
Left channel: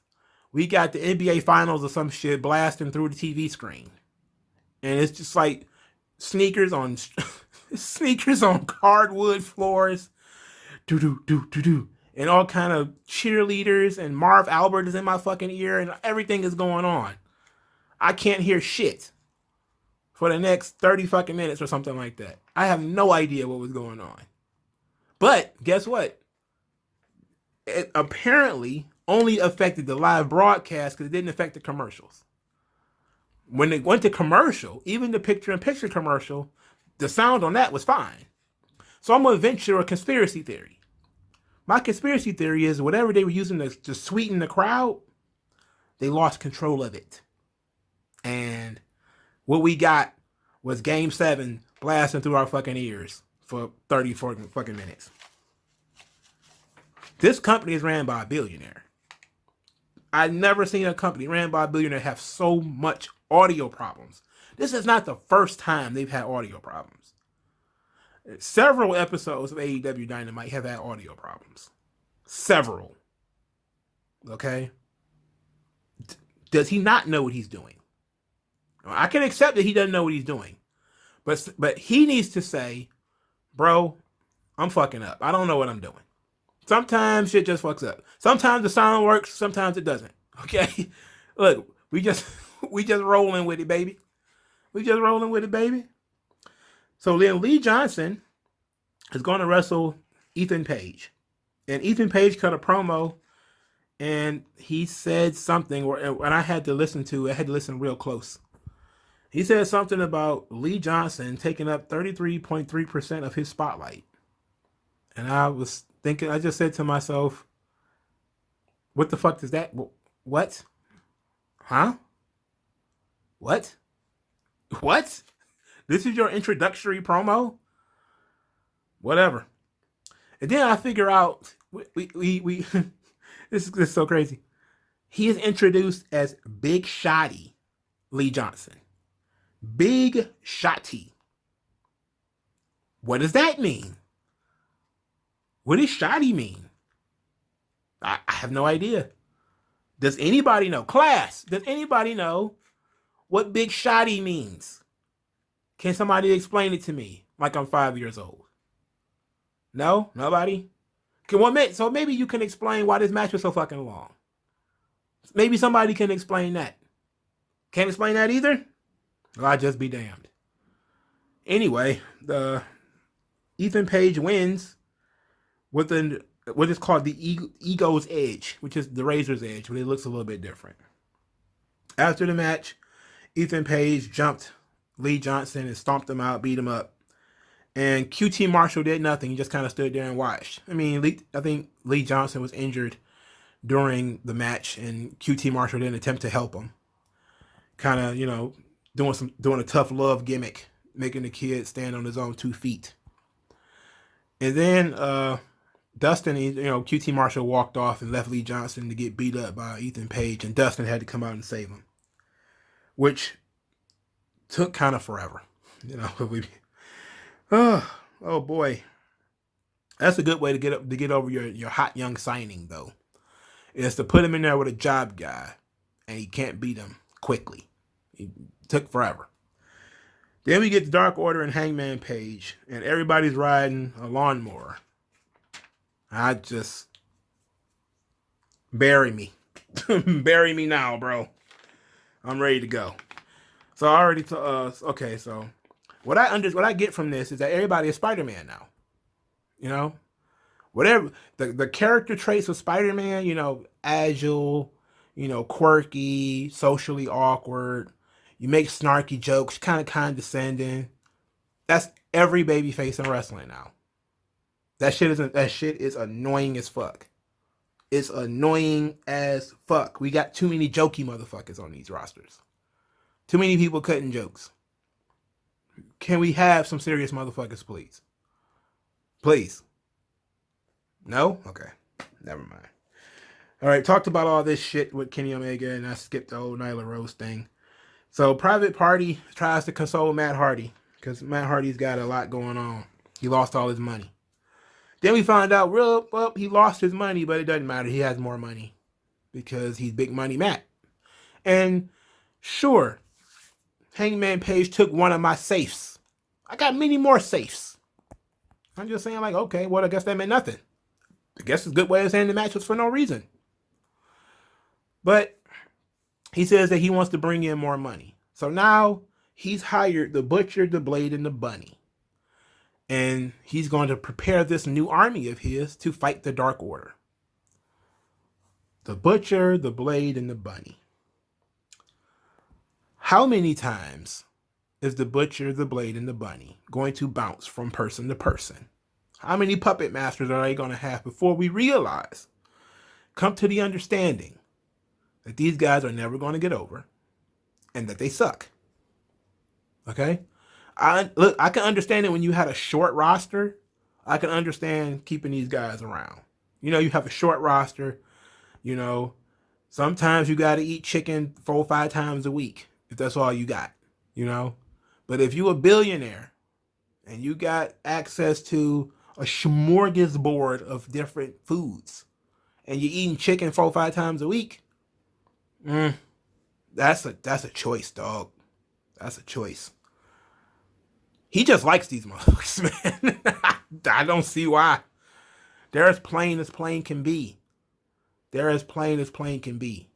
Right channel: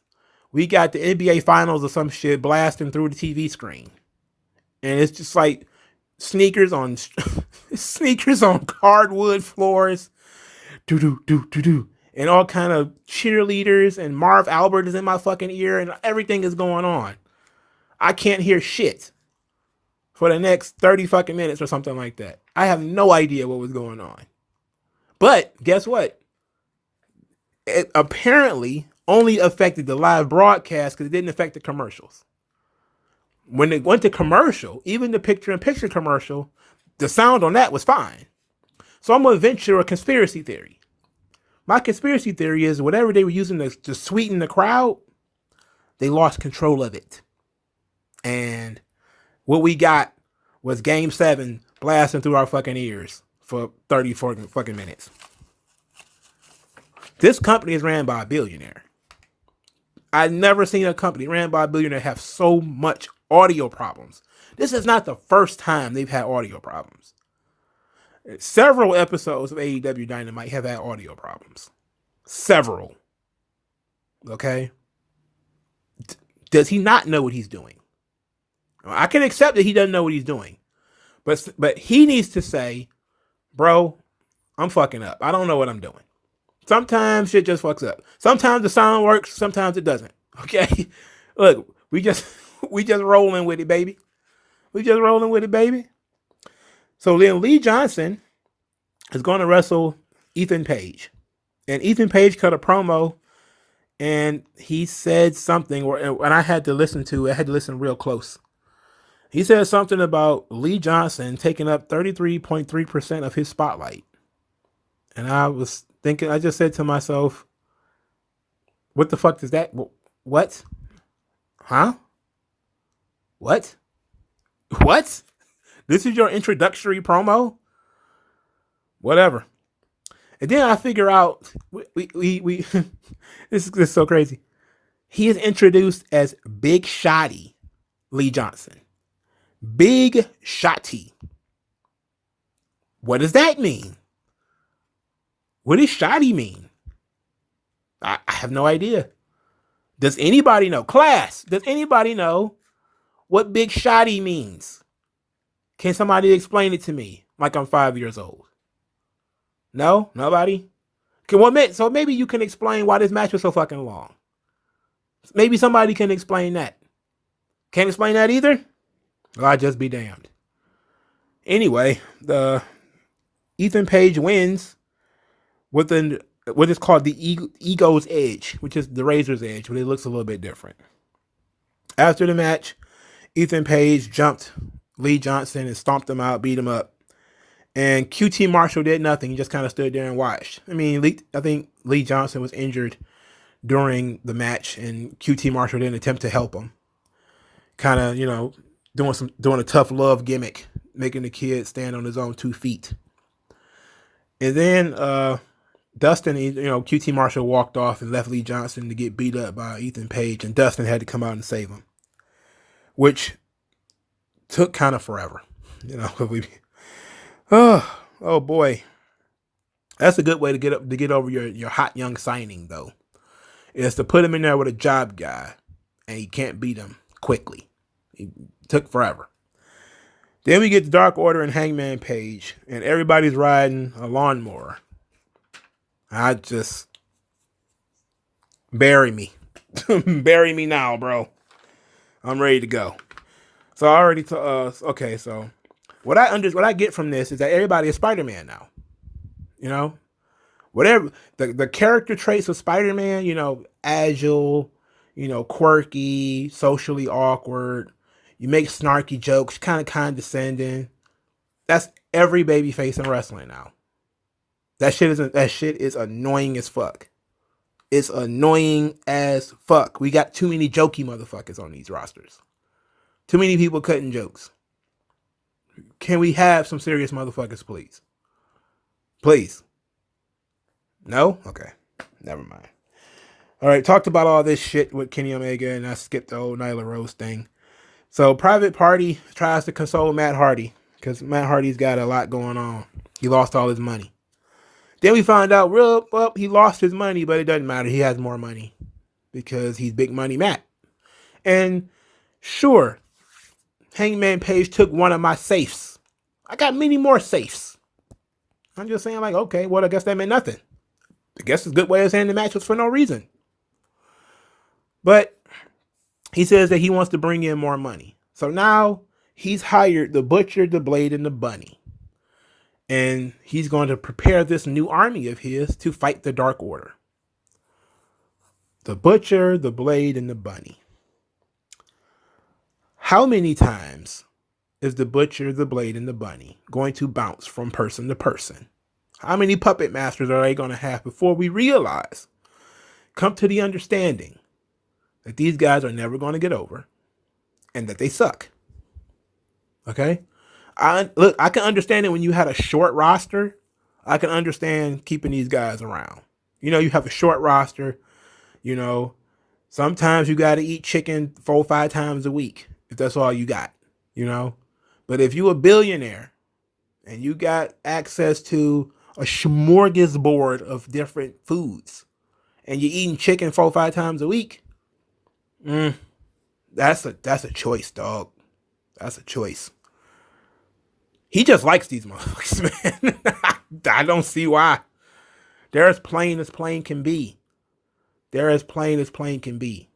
we got the NBA Finals or some shit blasting through the TV screen. And it's just like sneakers on hardwood floors. Do. And all kind of cheerleaders, and Marv Albert is in my fucking ear, and everything is going on. I can't hear shit for the next 30 fucking minutes or something like that. I have no idea what was going on. But guess what? It apparently only affected the live broadcast because it didn't affect the commercials. When it went to commercial, even the picture-in-picture commercial, the sound on that was fine. So I'm going to venture a conspiracy theory. My conspiracy theory is whatever they were using to sweeten the crowd, they lost control of it. And what we got was Game 7 blasting through our fucking ears for 30 fucking minutes. This company is ran by a billionaire. I've never seen a company ran by a billionaire have so much audio problems. This is not the first time they've had audio problems. Several episodes of AEW Dynamite have had audio problems. Several. Okay? Does he not know what he's doing? I can accept that he doesn't know what he's doing. But he needs to say, bro, I'm fucking up. I don't know what I'm doing. Sometimes shit just fucks up. Sometimes the sound works, sometimes it doesn't. Okay? Look, we just rolling with it, baby. We just rolling with it, baby. So then Lee Johnson is going to wrestle Ethan Page. And Ethan Page cut a promo and he said something, and I had to listen real close. He said something about Lee Johnson taking up 33.3% of his spotlight. And I was thinking, I just said to myself, what the fuck is that? What? Huh? What? What? This is your introductory promo? Whatever. And then I figure out, we this is so crazy. He is introduced as Big Shotty Lee Johnson. Big Shotty. What does that mean? What does Shotty mean? I have no idea. Does anybody know? Class, does anybody know what Big Shotty means? Can somebody explain it to me like I'm 5 years old? No? Nobody? So maybe you can explain why this match was so fucking long. Maybe somebody can explain that. Can't explain that either? Well, I'll just be damned. Anyway, the Ethan Page wins with what is called the Ego's Edge, which is the Razor's Edge, but it looks a little bit different. After the match, Ethan Page jumped Lee Johnson and stomped him out, beat him up. And QT Marshall did nothing. He just kind of stood there and watched. I mean, I think Lee Johnson was injured during the match, and QT Marshall didn't attempt to help him. Kind of, doing a tough love gimmick, making the kid stand on his own 2 feet. And then Dustin, QT Marshall walked off and left Lee Johnson to get beat up by Ethan Page, and Dustin had to come out and save him, which took kind of forever. Oh boy, that's a good way to get over your hot young signing though, is to put him in there with a job guy, and he can't beat him quickly. It took forever. Then we get the Dark Order and Hangman Page, and everybody's riding a lawnmower. I just bury me, bury me now, bro. I'm ready to go. So I already okay. So what I get from this is that everybody is Spider-Man now. Whatever the character traits of Spider-Man, agile, quirky, socially awkward. You make snarky jokes, kind of condescending. That's every babyface in wrestling now. That shit is annoying as fuck. It's annoying as fuck. We got too many jokey motherfuckers on these rosters. Too many people cutting jokes. Can we have some serious motherfuckers, please? Please. No? Okay. Never mind. All right, talked about all this shit with Kenny Omega, and I skipped the old Nyla Rose thing. So Private Party tries to console Matt Hardy, because Matt Hardy's got a lot going on. He lost all his money. Then we find out, he lost his money, but it doesn't matter. He has more money because he's Big Money Matt. And sure, Hangman Page took one of my safes. I got many more safes. I'm just saying, okay, well, I guess that meant nothing. I guess it's a good way of saying the match was for no reason. But he says that he wants to bring in more money. So now he's hired the Butcher, the Blade, and the Bunny. And he's going to prepare this new army of his to fight the Dark Order. The Butcher, the Blade, and the Bunny. How many times is the Butcher, the Blade, and the Bunny going to bounce from person to person? How many puppet masters are they going to have before we come to the understanding that these guys are never going to get over and that they suck? Okay? I can understand it when you had a short roster. I can understand keeping these guys around. You have a short roster. You know, sometimes you got to eat chicken 4 or 5 times a week if that's all you got. But if you a billionaire and you got access to a smorgasbord of different foods and you're eating chicken 4 or 5 times a week, that's a choice, dog. That's a choice. He just likes these motherfuckers, man. I don't see why. They're as plain as plain can be. They're as plain as plain can be.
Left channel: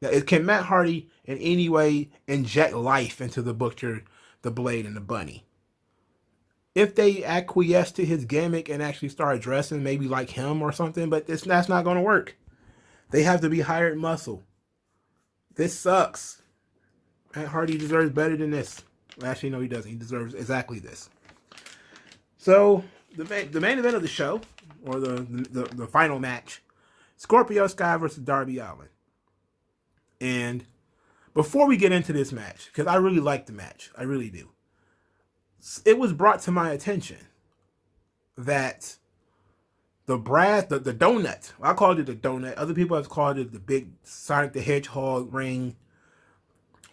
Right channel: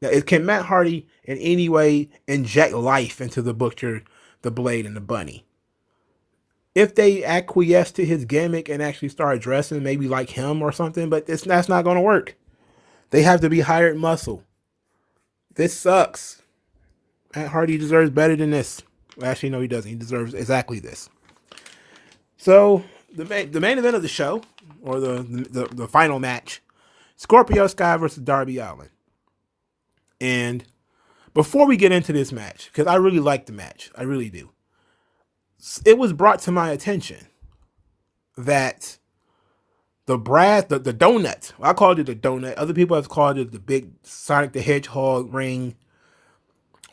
Now, can Matt Hardy in any way inject life into the Butcher, the Blade, and the Bunny? If they acquiesce to his gimmick and actually start dressing maybe like him or something, but that's not going to work. They have to be hired muscle. This sucks. Matt Hardy deserves better than this. Actually, no, he doesn't. He deserves exactly this. So the main event of the show, or the final match, Scorpio Sky versus Darby Allin. And before we get into this match, because I really like the match, I really do, it was brought to my attention that the donut, I called it the donut, other people have called it the big Sonic the Hedgehog ring,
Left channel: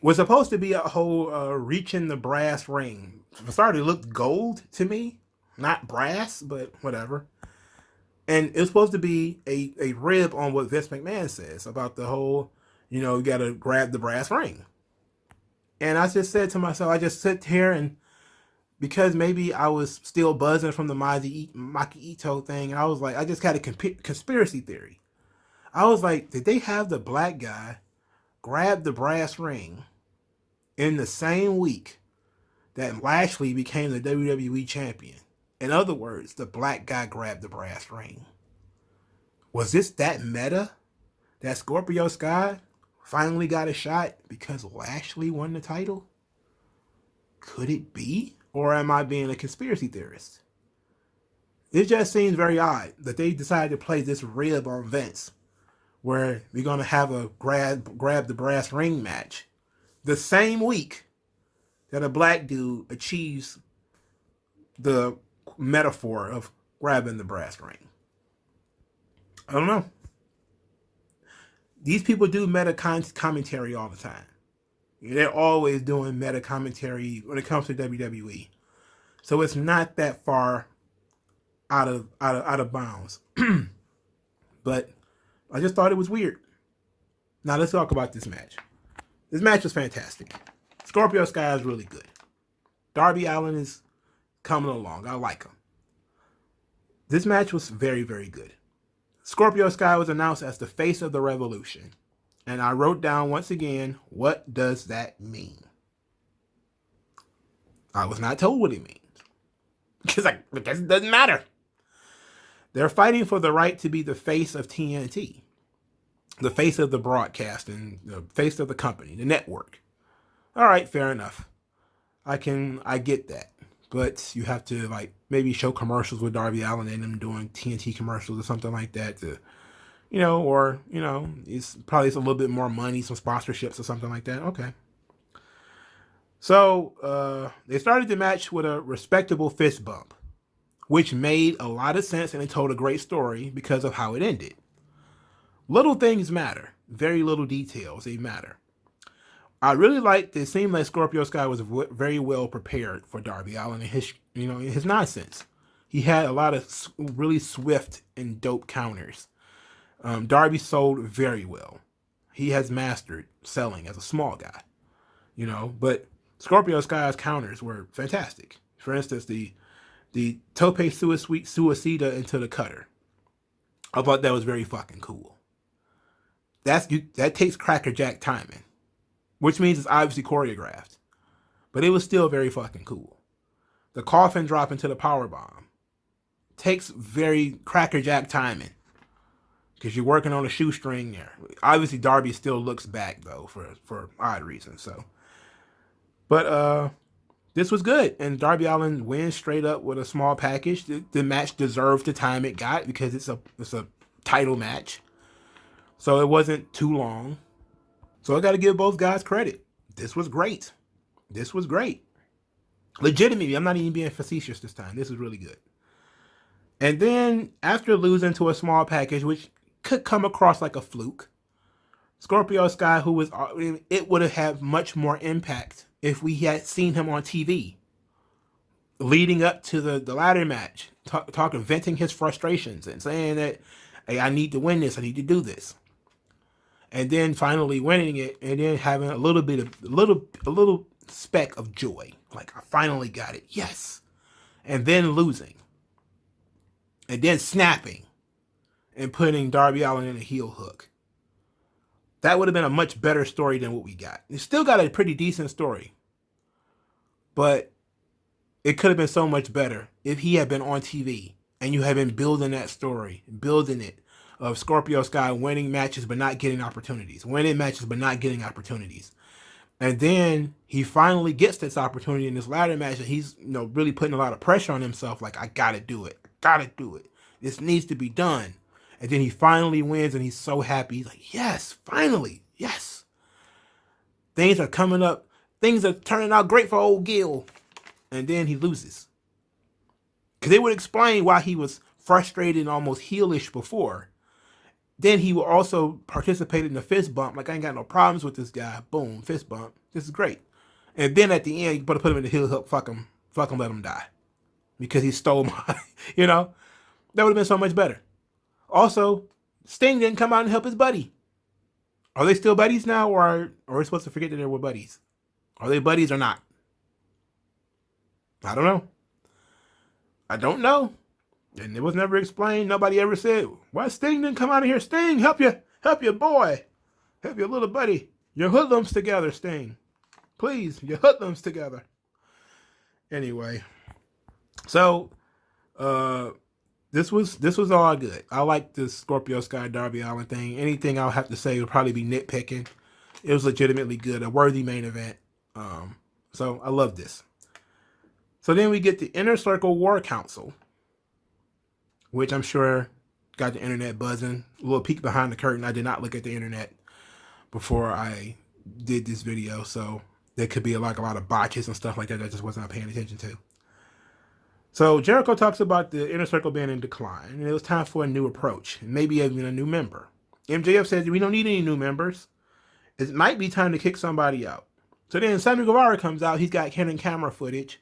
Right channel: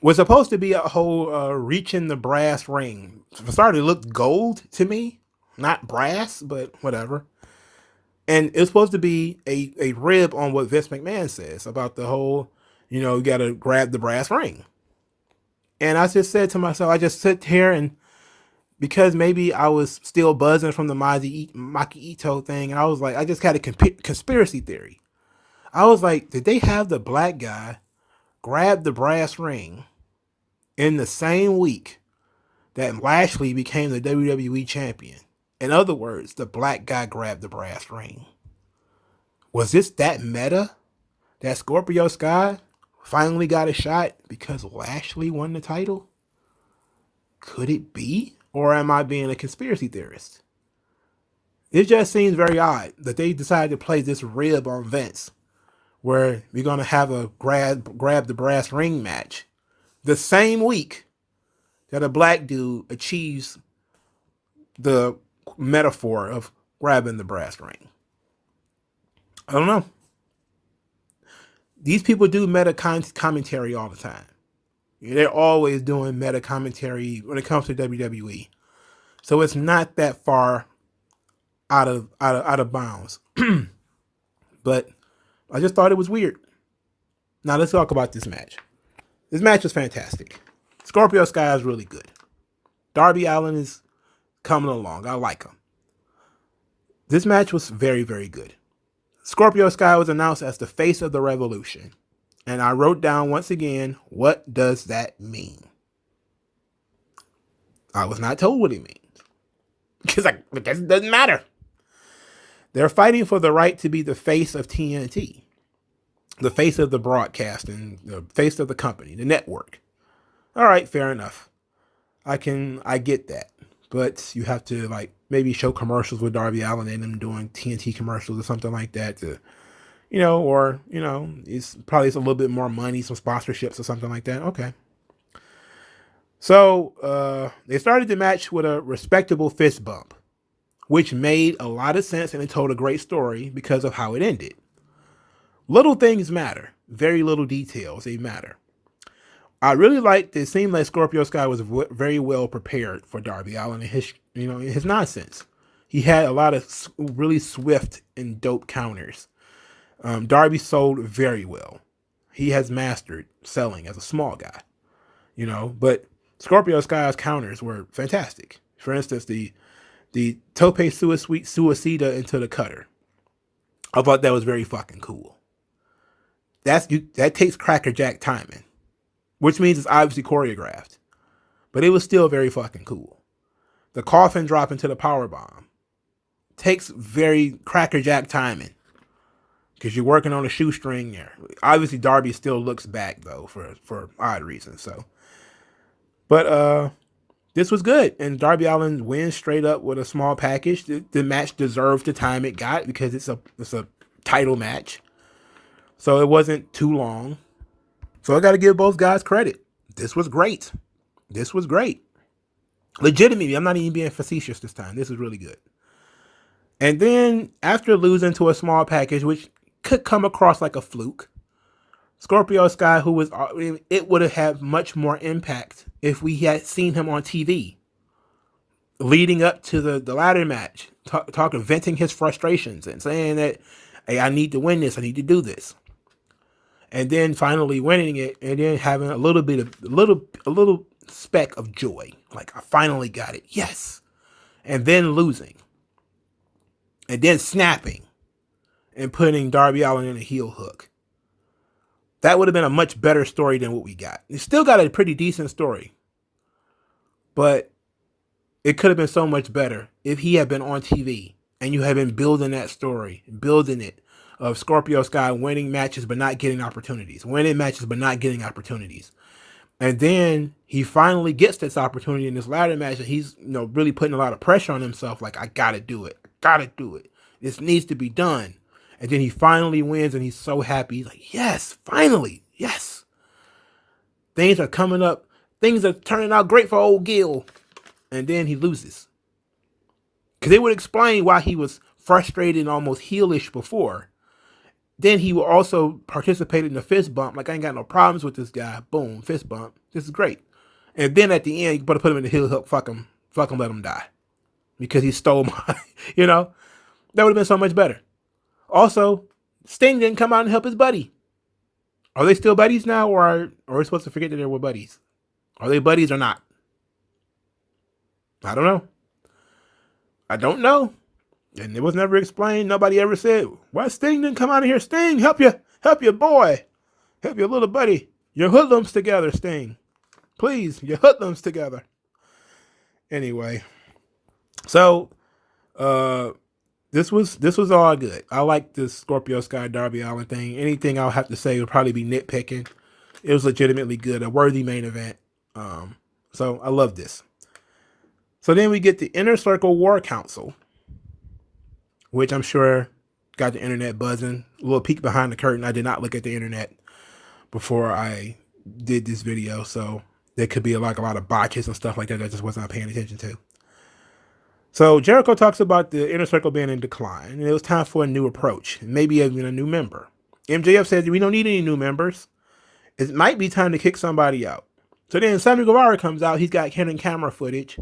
was supposed to be a whole reaching the brass ring. It started to look gold to me, not brass, but whatever. And it's supposed to be a rib on what Vince McMahon says about the whole, you got to grab the brass ring. And I just said to myself, I just sit here and, because maybe I was still buzzing from the Maki Ito thing, and I was like, I just had a conspiracy theory. I was like, did they have the black guy grab the brass ring in the same week that Lashley became the WWE champion? In other words, the black guy grabbed the brass ring. Was this that meta that Scorpio Sky finally got a shot because Lashley won the title? Could it be? Or am I being a conspiracy theorist? It just seems very odd that they decided to play this rib on Vince, where we're going to have a grab the brass ring match the same week that a black dude achieves the metaphor of grabbing the brass ring. I don't know. These people do meta commentary all the time. They're always doing meta commentary when it comes to WWE. So it's not that far out of bounds. But I just thought it was weird. Now let's talk about this match. This match was fantastic. Scorpio Sky is really good. Darby Allin is coming along. I like him. This match was very, very good. Scorpio Sky was announced as the face of the revolution. And I wrote down once again, what does that mean? I was not told what it means. Because it doesn't matter. They're fighting for the right to be the face of TNT. The face of the broadcast and the face of the company, the network. All right, fair enough. I get that. But you have to maybe show commercials with Darby Allin and them doing TNT commercials or something like that to, it's probably a little bit more money, some sponsorships or something like that. Okay. So they started the match with a respectable fist bump, which made a lot of sense and it told a great story because of how it ended. Little things matter. Very little details, they matter. I really liked it. Seemed like Scorpio Sky was very well prepared for Darby Allin and his nonsense. He had a lot of really swift and dope counters. Darby sold very well. He has mastered selling as a small guy, but Scorpio Sky's counters were fantastic. For instance, the Tope Suicida into the cutter. I thought that was very fucking cool. That takes crackerjack timing, which means it's obviously choreographed, but it was still very fucking cool. The coffin drop into the powerbomb takes very crackerjack timing because you're working on a shoestring there. Obviously, Darby still looks back though for odd reasons. So, but this was good. And Darby Allin wins straight up with a small package. The match deserved the time it got because it's a title match. So it wasn't too long. So I got to give both guys credit. This was great. This was great. Legitimately, I'm not even being facetious this time. This is really good. And then after losing to a small package, which could come across like a fluke, Scorpio Sky, who was, it would have had much more impact if we had seen him on TV leading up to the ladder match, talking, venting his frustrations and saying that, hey, I need to win this. I need to do this. And then finally winning it, and then having a little speck of joy. Like, I finally got it. Yes. And then losing. And then snapping and putting Darby Allin in a heel hook. That would have been a much better story than what we got. It still got a pretty decent story. But it could have been so much better if he had been on TV and you had been building that story, building it, of Scorpio Sky winning matches but not getting opportunities. Winning matches but not getting opportunities. And then he finally gets this opportunity in this ladder match, and he's really putting a lot of pressure on himself, like, I gotta do it. I gotta do it. This needs to be done. And then he finally wins, and he's so happy. He's like, yes, finally, yes. Things are coming up. Things are turning out great for old Gil. And then he loses. Because it would explain why he was frustrated and almost heelish before. Then he will also participate in the fist bump. Like, I ain't got no problems with this guy. Boom, fist bump. This is great. And then at the end, you better put him in the heel hook. Fuck him, let him die. Because he stole my, that would have been so much better. Also, Sting didn't come out and help his buddy. Are they still buddies now, or are we supposed to forget that they were buddies? Are they buddies or not? I don't know. And it was never explained. Nobody ever said, why Sting didn't come out of here? Sting, help your boy. Help your little buddy. Your hoodlums together, Sting. Please, your hoodlums together. Anyway. So, this was all good. I like this Scorpio Sky Darby Allin thing. Anything I'll have to say would probably be nitpicking. It was legitimately good. A worthy main event. So I love this. So then we get the Inner Circle War Council, which I'm sure got the internet buzzing. A little peek behind the curtain. I did not look at the internet before I did this video, so there could be a lot of botches and stuff like that I just wasn't paying attention to. So Jericho talks about the Inner Circle being in decline, and it was time for a new approach, maybe even a new member. MJF says we don't need any new members. It might be time to kick somebody out. So then Sammy Guevara comes out. He's got hidden camera footage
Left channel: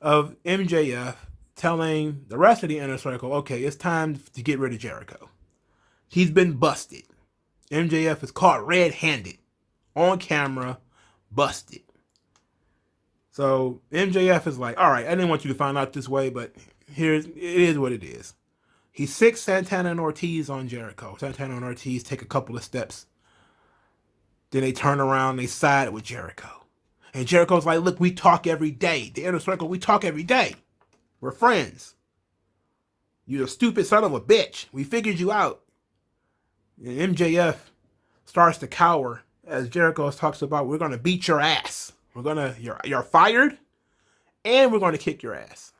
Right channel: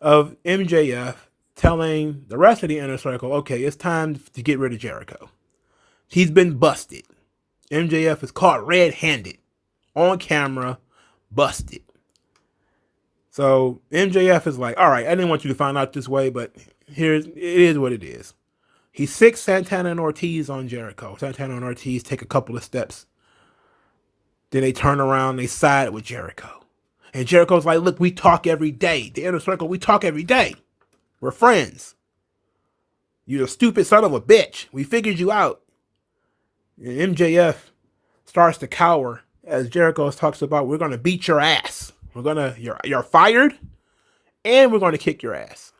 of MJF telling the rest of the Inner Circle, okay, it's time to get rid of Jericho. He's been busted. MJF is caught red-handed, on camera, busted. So MJF is like, all right, I didn't want you to find out this way, but it is what it is. He sicks Santana and Ortiz on Jericho. Santana and Ortiz take a couple of steps. Then they turn around, they side with Jericho. And Jericho's like, look, we talk every day. The Inner Circle, we talk every day. We're friends. You're a stupid son of a bitch. We figured you out. And MJF starts to cower as Jericho talks about, we're going to beat your ass. You're fired, and we're going to kick your ass.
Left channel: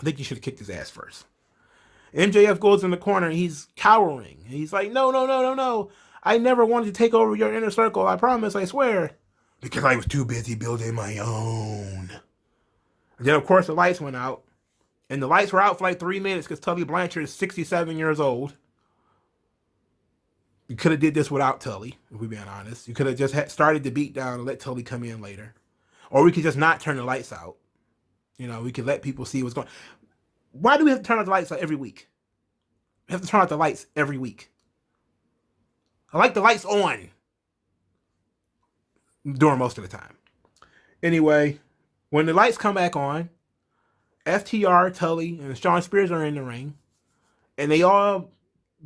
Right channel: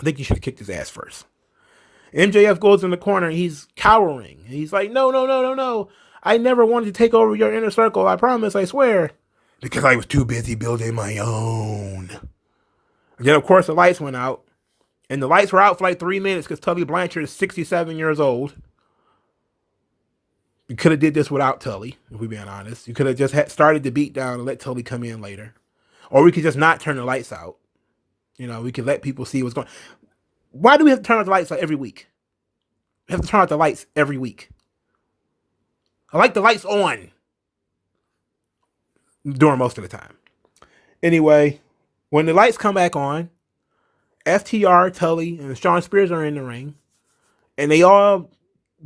I think you should have kicked his ass first. MJF goes in the corner, and he's cowering. He's like, no. I never wanted to take over your Inner Circle. I promise, I swear. Because I was too busy building my own. And then, of course, the lights went out. And the lights were out for like 3 minutes because Tully Blanchard is 67 years old. You could have did this without Tully, if we're being honest. You could have just started the beat down and let Tully come in later. Or we could just not turn the lights out. We could let people see what's going on. Why do we have to turn out the lights every week? We have to turn out the lights every week. I like the lights on during most of the time. Anyway, when the lights come back on, FTR, Tully, and Shawn Spears are in the ring. And they all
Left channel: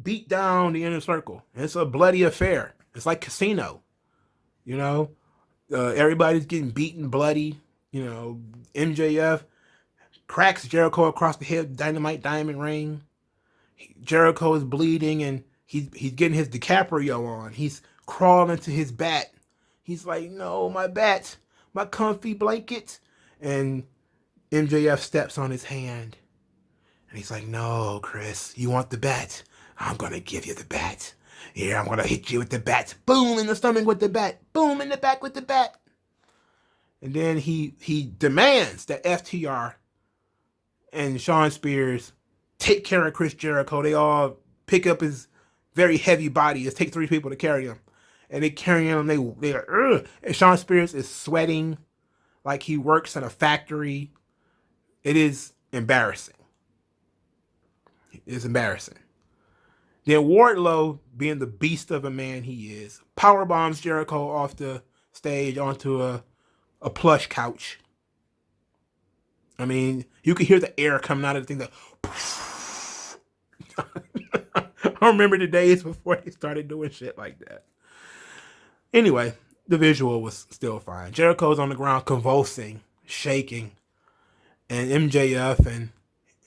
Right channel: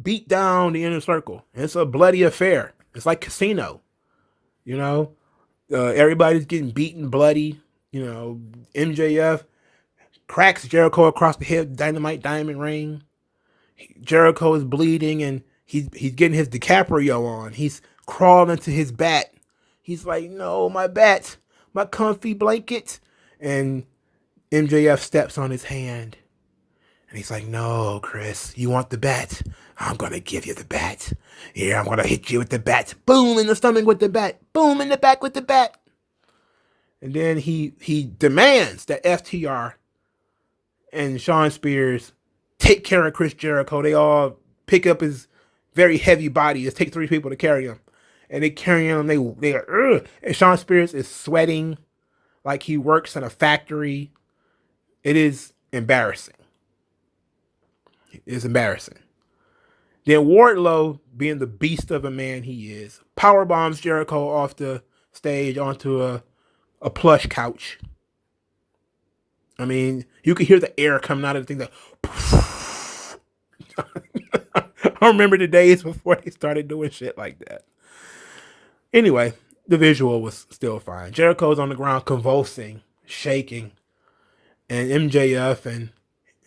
beat down the Inner Circle. It's a bloody affair. It's like Casino. Everybody's getting beaten bloody. MJF cracks Jericho across the head, Dynamite diamond ring. Jericho is bleeding, and he's getting his DiCaprio on. He's crawling to his bat. He's like, no, my bat, my comfy blanket. And MJF steps on his hand. And he's like, no, Chris, you want the bat? I'm going to give you the bat. Here, I'm going to hit you with the bat. Boom, in the stomach with the bat. Boom, in the back with the bat. And then he demands that FTR and Shawn Spears take care of Chris Jericho. They all pick up his very heavy body. It takes 3 people to carry him. And they carry him. They are, and Shawn Spears is sweating like he works in a factory. It is embarrassing. It's embarrassing. Then Wardlow, being the beast of a man he is, power bombs Jericho off the stage onto a plush couch. I mean, you could hear the air coming out of the thing. I remember the days before they started doing shit like that. Anyway, the visual was still fine. Jericho's on the ground convulsing, shaking, and MJF and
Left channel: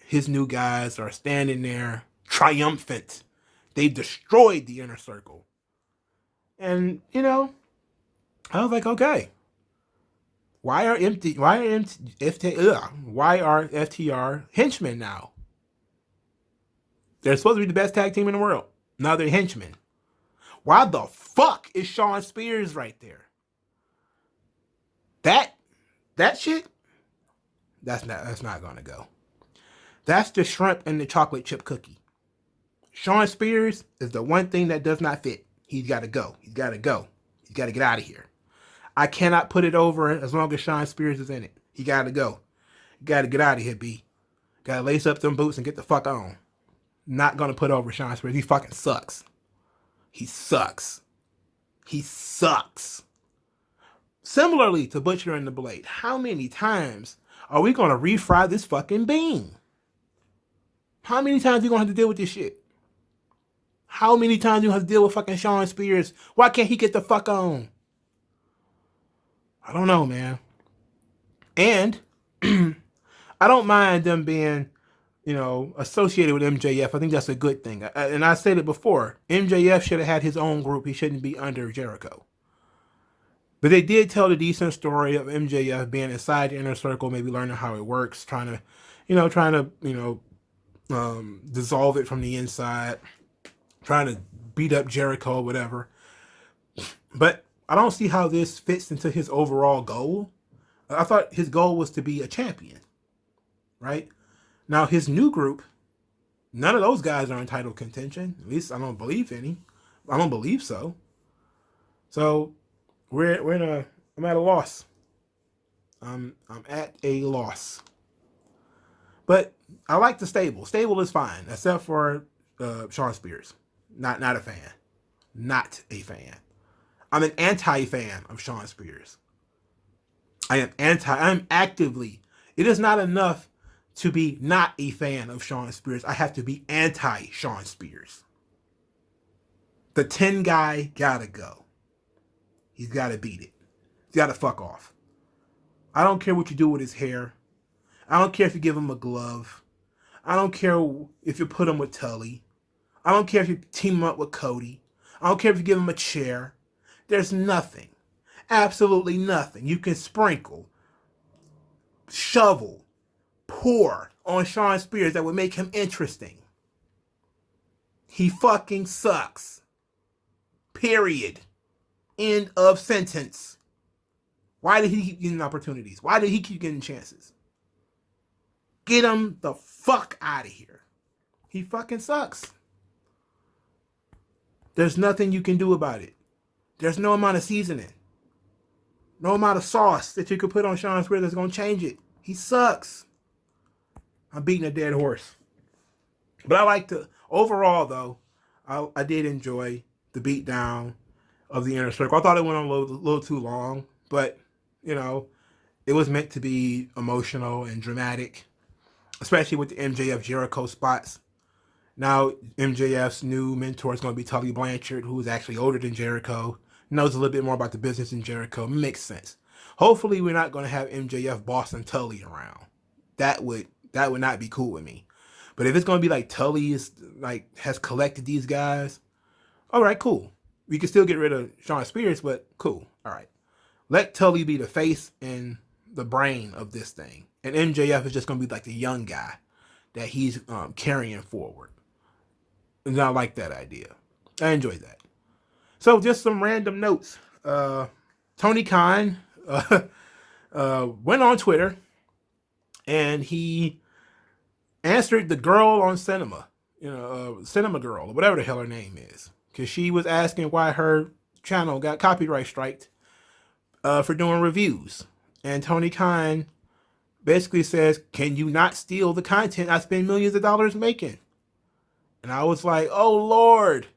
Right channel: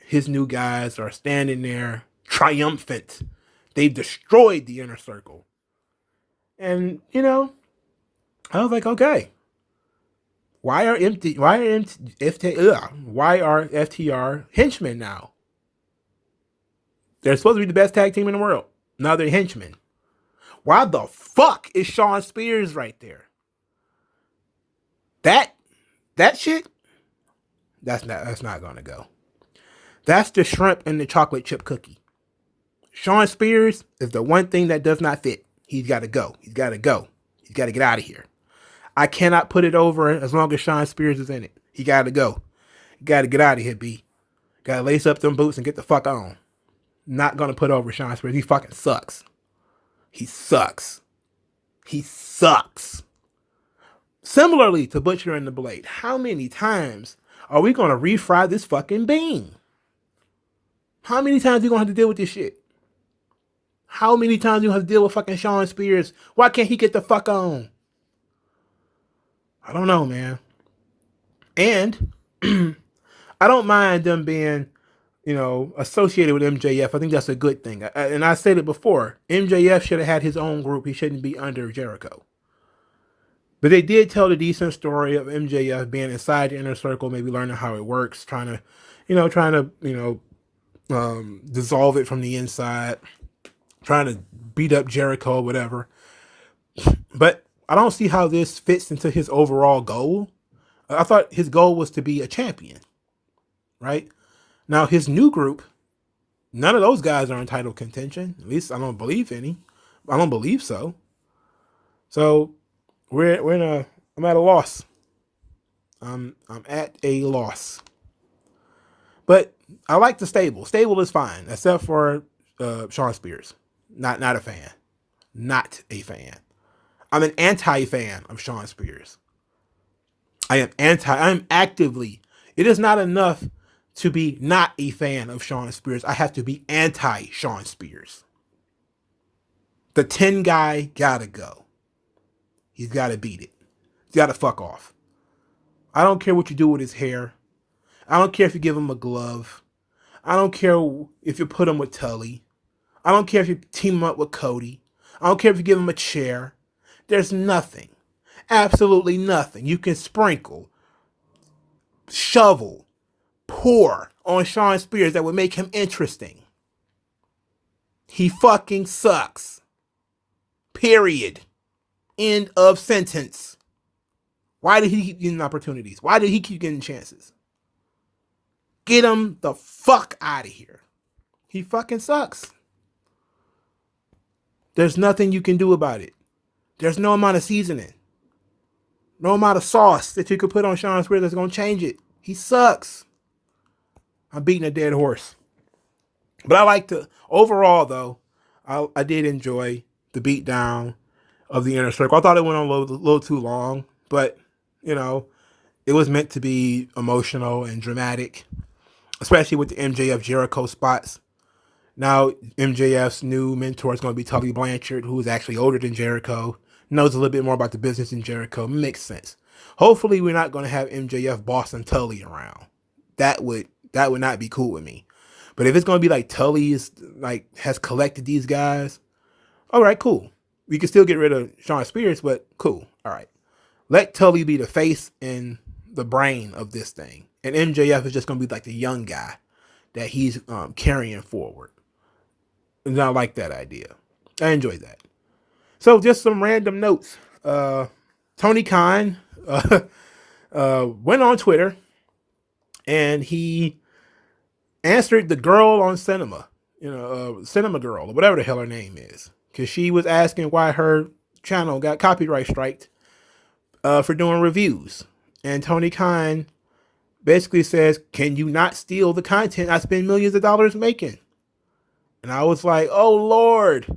his new guys are standing there triumphant. They've destroyed the Inner Circle. And, I was like, okay. Why are FTR henchmen now? They're supposed to be the best tag team in the world. Now they're henchmen. Why the fuck is Shawn Spears right there? That shit, that's not gonna go. That's the shrimp and the chocolate chip cookie. Shawn Spears is the one thing that does not fit. He's got to go. He's got to go. He's got to get out of here. I cannot put it over as long as Shawn Spears is in it. He got to go. You got to get out of here, B. Got to lace up them boots and get the fuck on. Not going to put over Shawn Spears. He fucking sucks. He sucks. He sucks. Similarly to Butcher and the Blade, how many times are we going to refry this fucking bean? How many times are we going to have to deal with this shit? How many times do you have to deal with fucking Shawn Spears? Why can't he get the fuck on? I don't know, man. And I don't mind them being, associated with MJF. I think that's a good thing. And I said it before. MJF should have had his own group. He shouldn't be under Jericho. But they did tell the decent story of MJF being inside the Inner Circle, maybe learning how it works, trying to dissolve it from the inside, trying to beat up Jericho, whatever. But I don't see how this fits into his overall goal. I thought his goal was to be a champion, right? Now, his new group, none of those guys are in title contention. At least I don't believe any. I don't believe so. So I'm at a loss. I'm at a loss. But I like the stable. Stable is fine, except for Shawn Spears. Not a fan. Not a fan. I'm an anti-fan of Shawn Spears. I am actively. It is not enough to be not a fan of Shawn Spears. I have to be anti-Shawn Spears. The 10 guy gotta go. He's gotta beat it. He's gotta fuck off. I don't care what you do with his hair. I don't care if you give him a glove. I don't care if you put him with Tully. I don't care if you team him up with Cody. I don't care if you give him a chair. There's nothing. Absolutely nothing. You can sprinkle, shovel, pour on Shawn Spears that would make him interesting. He fucking sucks. Period. End of sentence. Why did he keep getting opportunities? Why did he keep getting chances? Get him the fuck out of here. He fucking sucks. There's nothing you can do about it. There's no amount of seasoning. No amount of sauce that you could put on Shawn Spears that's going to change it. He sucks. I'm beating a dead horse. But I like to, overall though, I did enjoy the beatdown of the Inner Circle. I thought it went on a little too long, but, it was meant to be emotional and dramatic, especially with the MJF Jericho spots. Now, MJF's new mentor is going to be Tully Blanchard, who is actually older than Jericho, knows a little bit more about the business than Jericho. Makes sense. Hopefully, we're not going to have MJF bossing Tully around. That would not be cool with me. But if it's going to be like Tully has collected these guys, all right, cool. We can still get rid of Shawn Spears, but cool. All right. Let Tully be the face and the brain of this thing, and MJF is just going to be like the young guy that he's carrying forward. And I like that idea. I enjoy that. So just some random notes. Tony Khan went on Twitter and he answered the girl on Cinema, Cinema Girl, or whatever the hell her name is, because she was asking why her channel got copyright striked for doing reviews. And Tony Khan basically says, can you not steal the content I spend millions of dollars making? And I was like, oh Lord,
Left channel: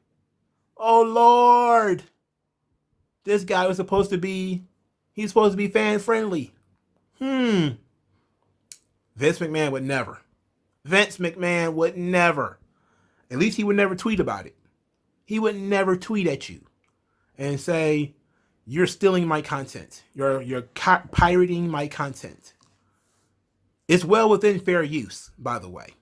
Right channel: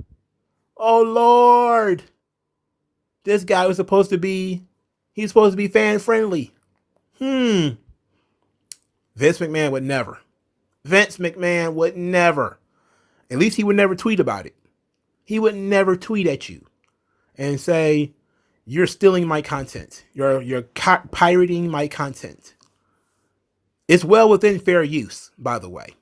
this guy was supposed to be fan friendly. Vince McMahon would never. At least he would never tweet about it. He would never tweet at you and say, you're stealing my content. You're pirating my content. It's well within fair use, by the way.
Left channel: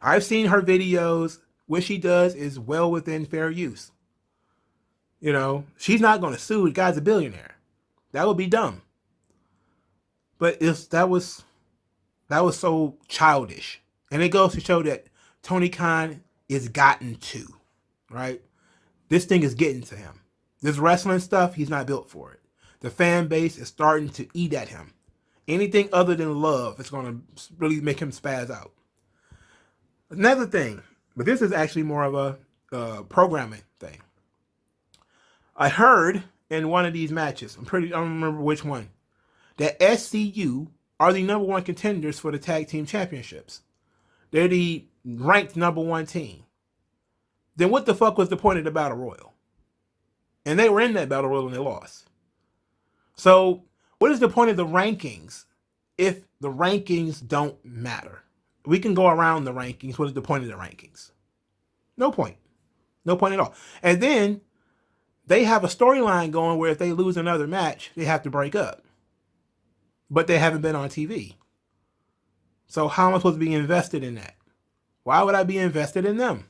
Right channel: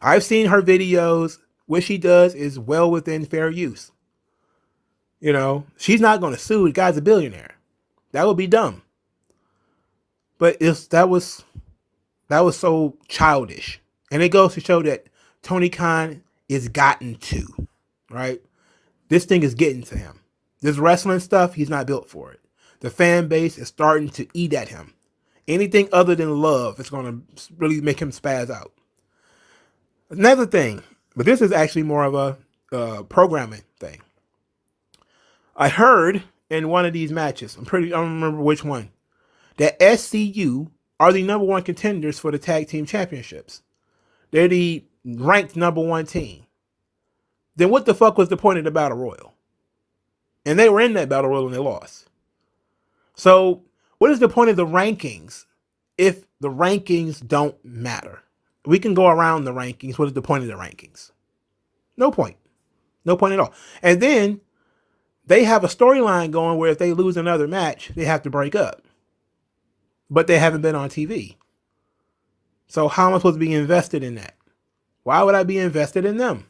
I've seen her videos. What she does is well within fair use. She's not going to sue. The guy's a billionaire. That would be dumb. But that was so childish. And it goes to show that Tony Khan is gotten to, right? This thing is getting to him. This wrestling stuff, he's not built for it. The fan base is starting to eat at him. Anything other than love is going to really make him spaz out. Another thing, but this is actually more of a programming thing. I heard in one of these matches, I don't remember which one, that SCU are the number one contenders for the tag team championships. They're the ranked number one team. Then what the fuck was the point of the Battle Royal? And they were in that Battle Royal and they lost. So what is the point of the rankings if the rankings don't matter? We can go around the rankings. What is the point of the rankings? No point. No point at all. And then they have a storyline going where if they lose another match, they have to break up. But they haven't been on TV. So how am I supposed to be invested in that? Why would I be invested in them?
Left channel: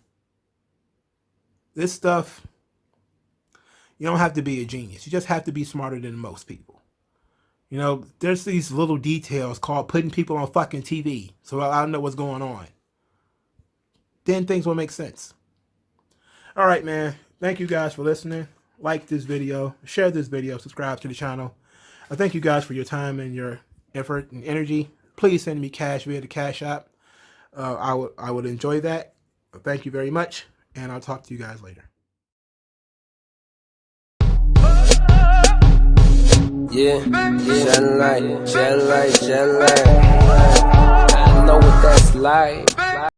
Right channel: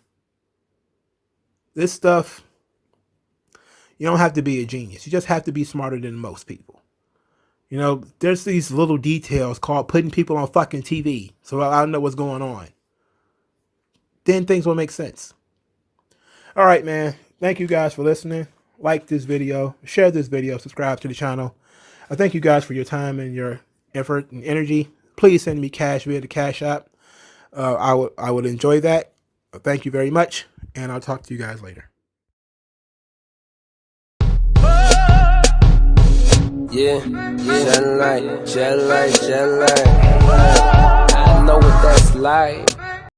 This stuff, you don't have to be a genius. You just have to be smarter than most people. There's these little details called putting people on fucking TV so I know what's going on. Then things will make sense. All right, man. Thank you guys for listening. Like this video, share this video, subscribe to the channel. I thank you guys for your time and your effort and energy. Please send me cash via the Cash App. I would enjoy that. Thank you very much, and I'll talk to you guys later. Yeah, shed light. I know what that's like.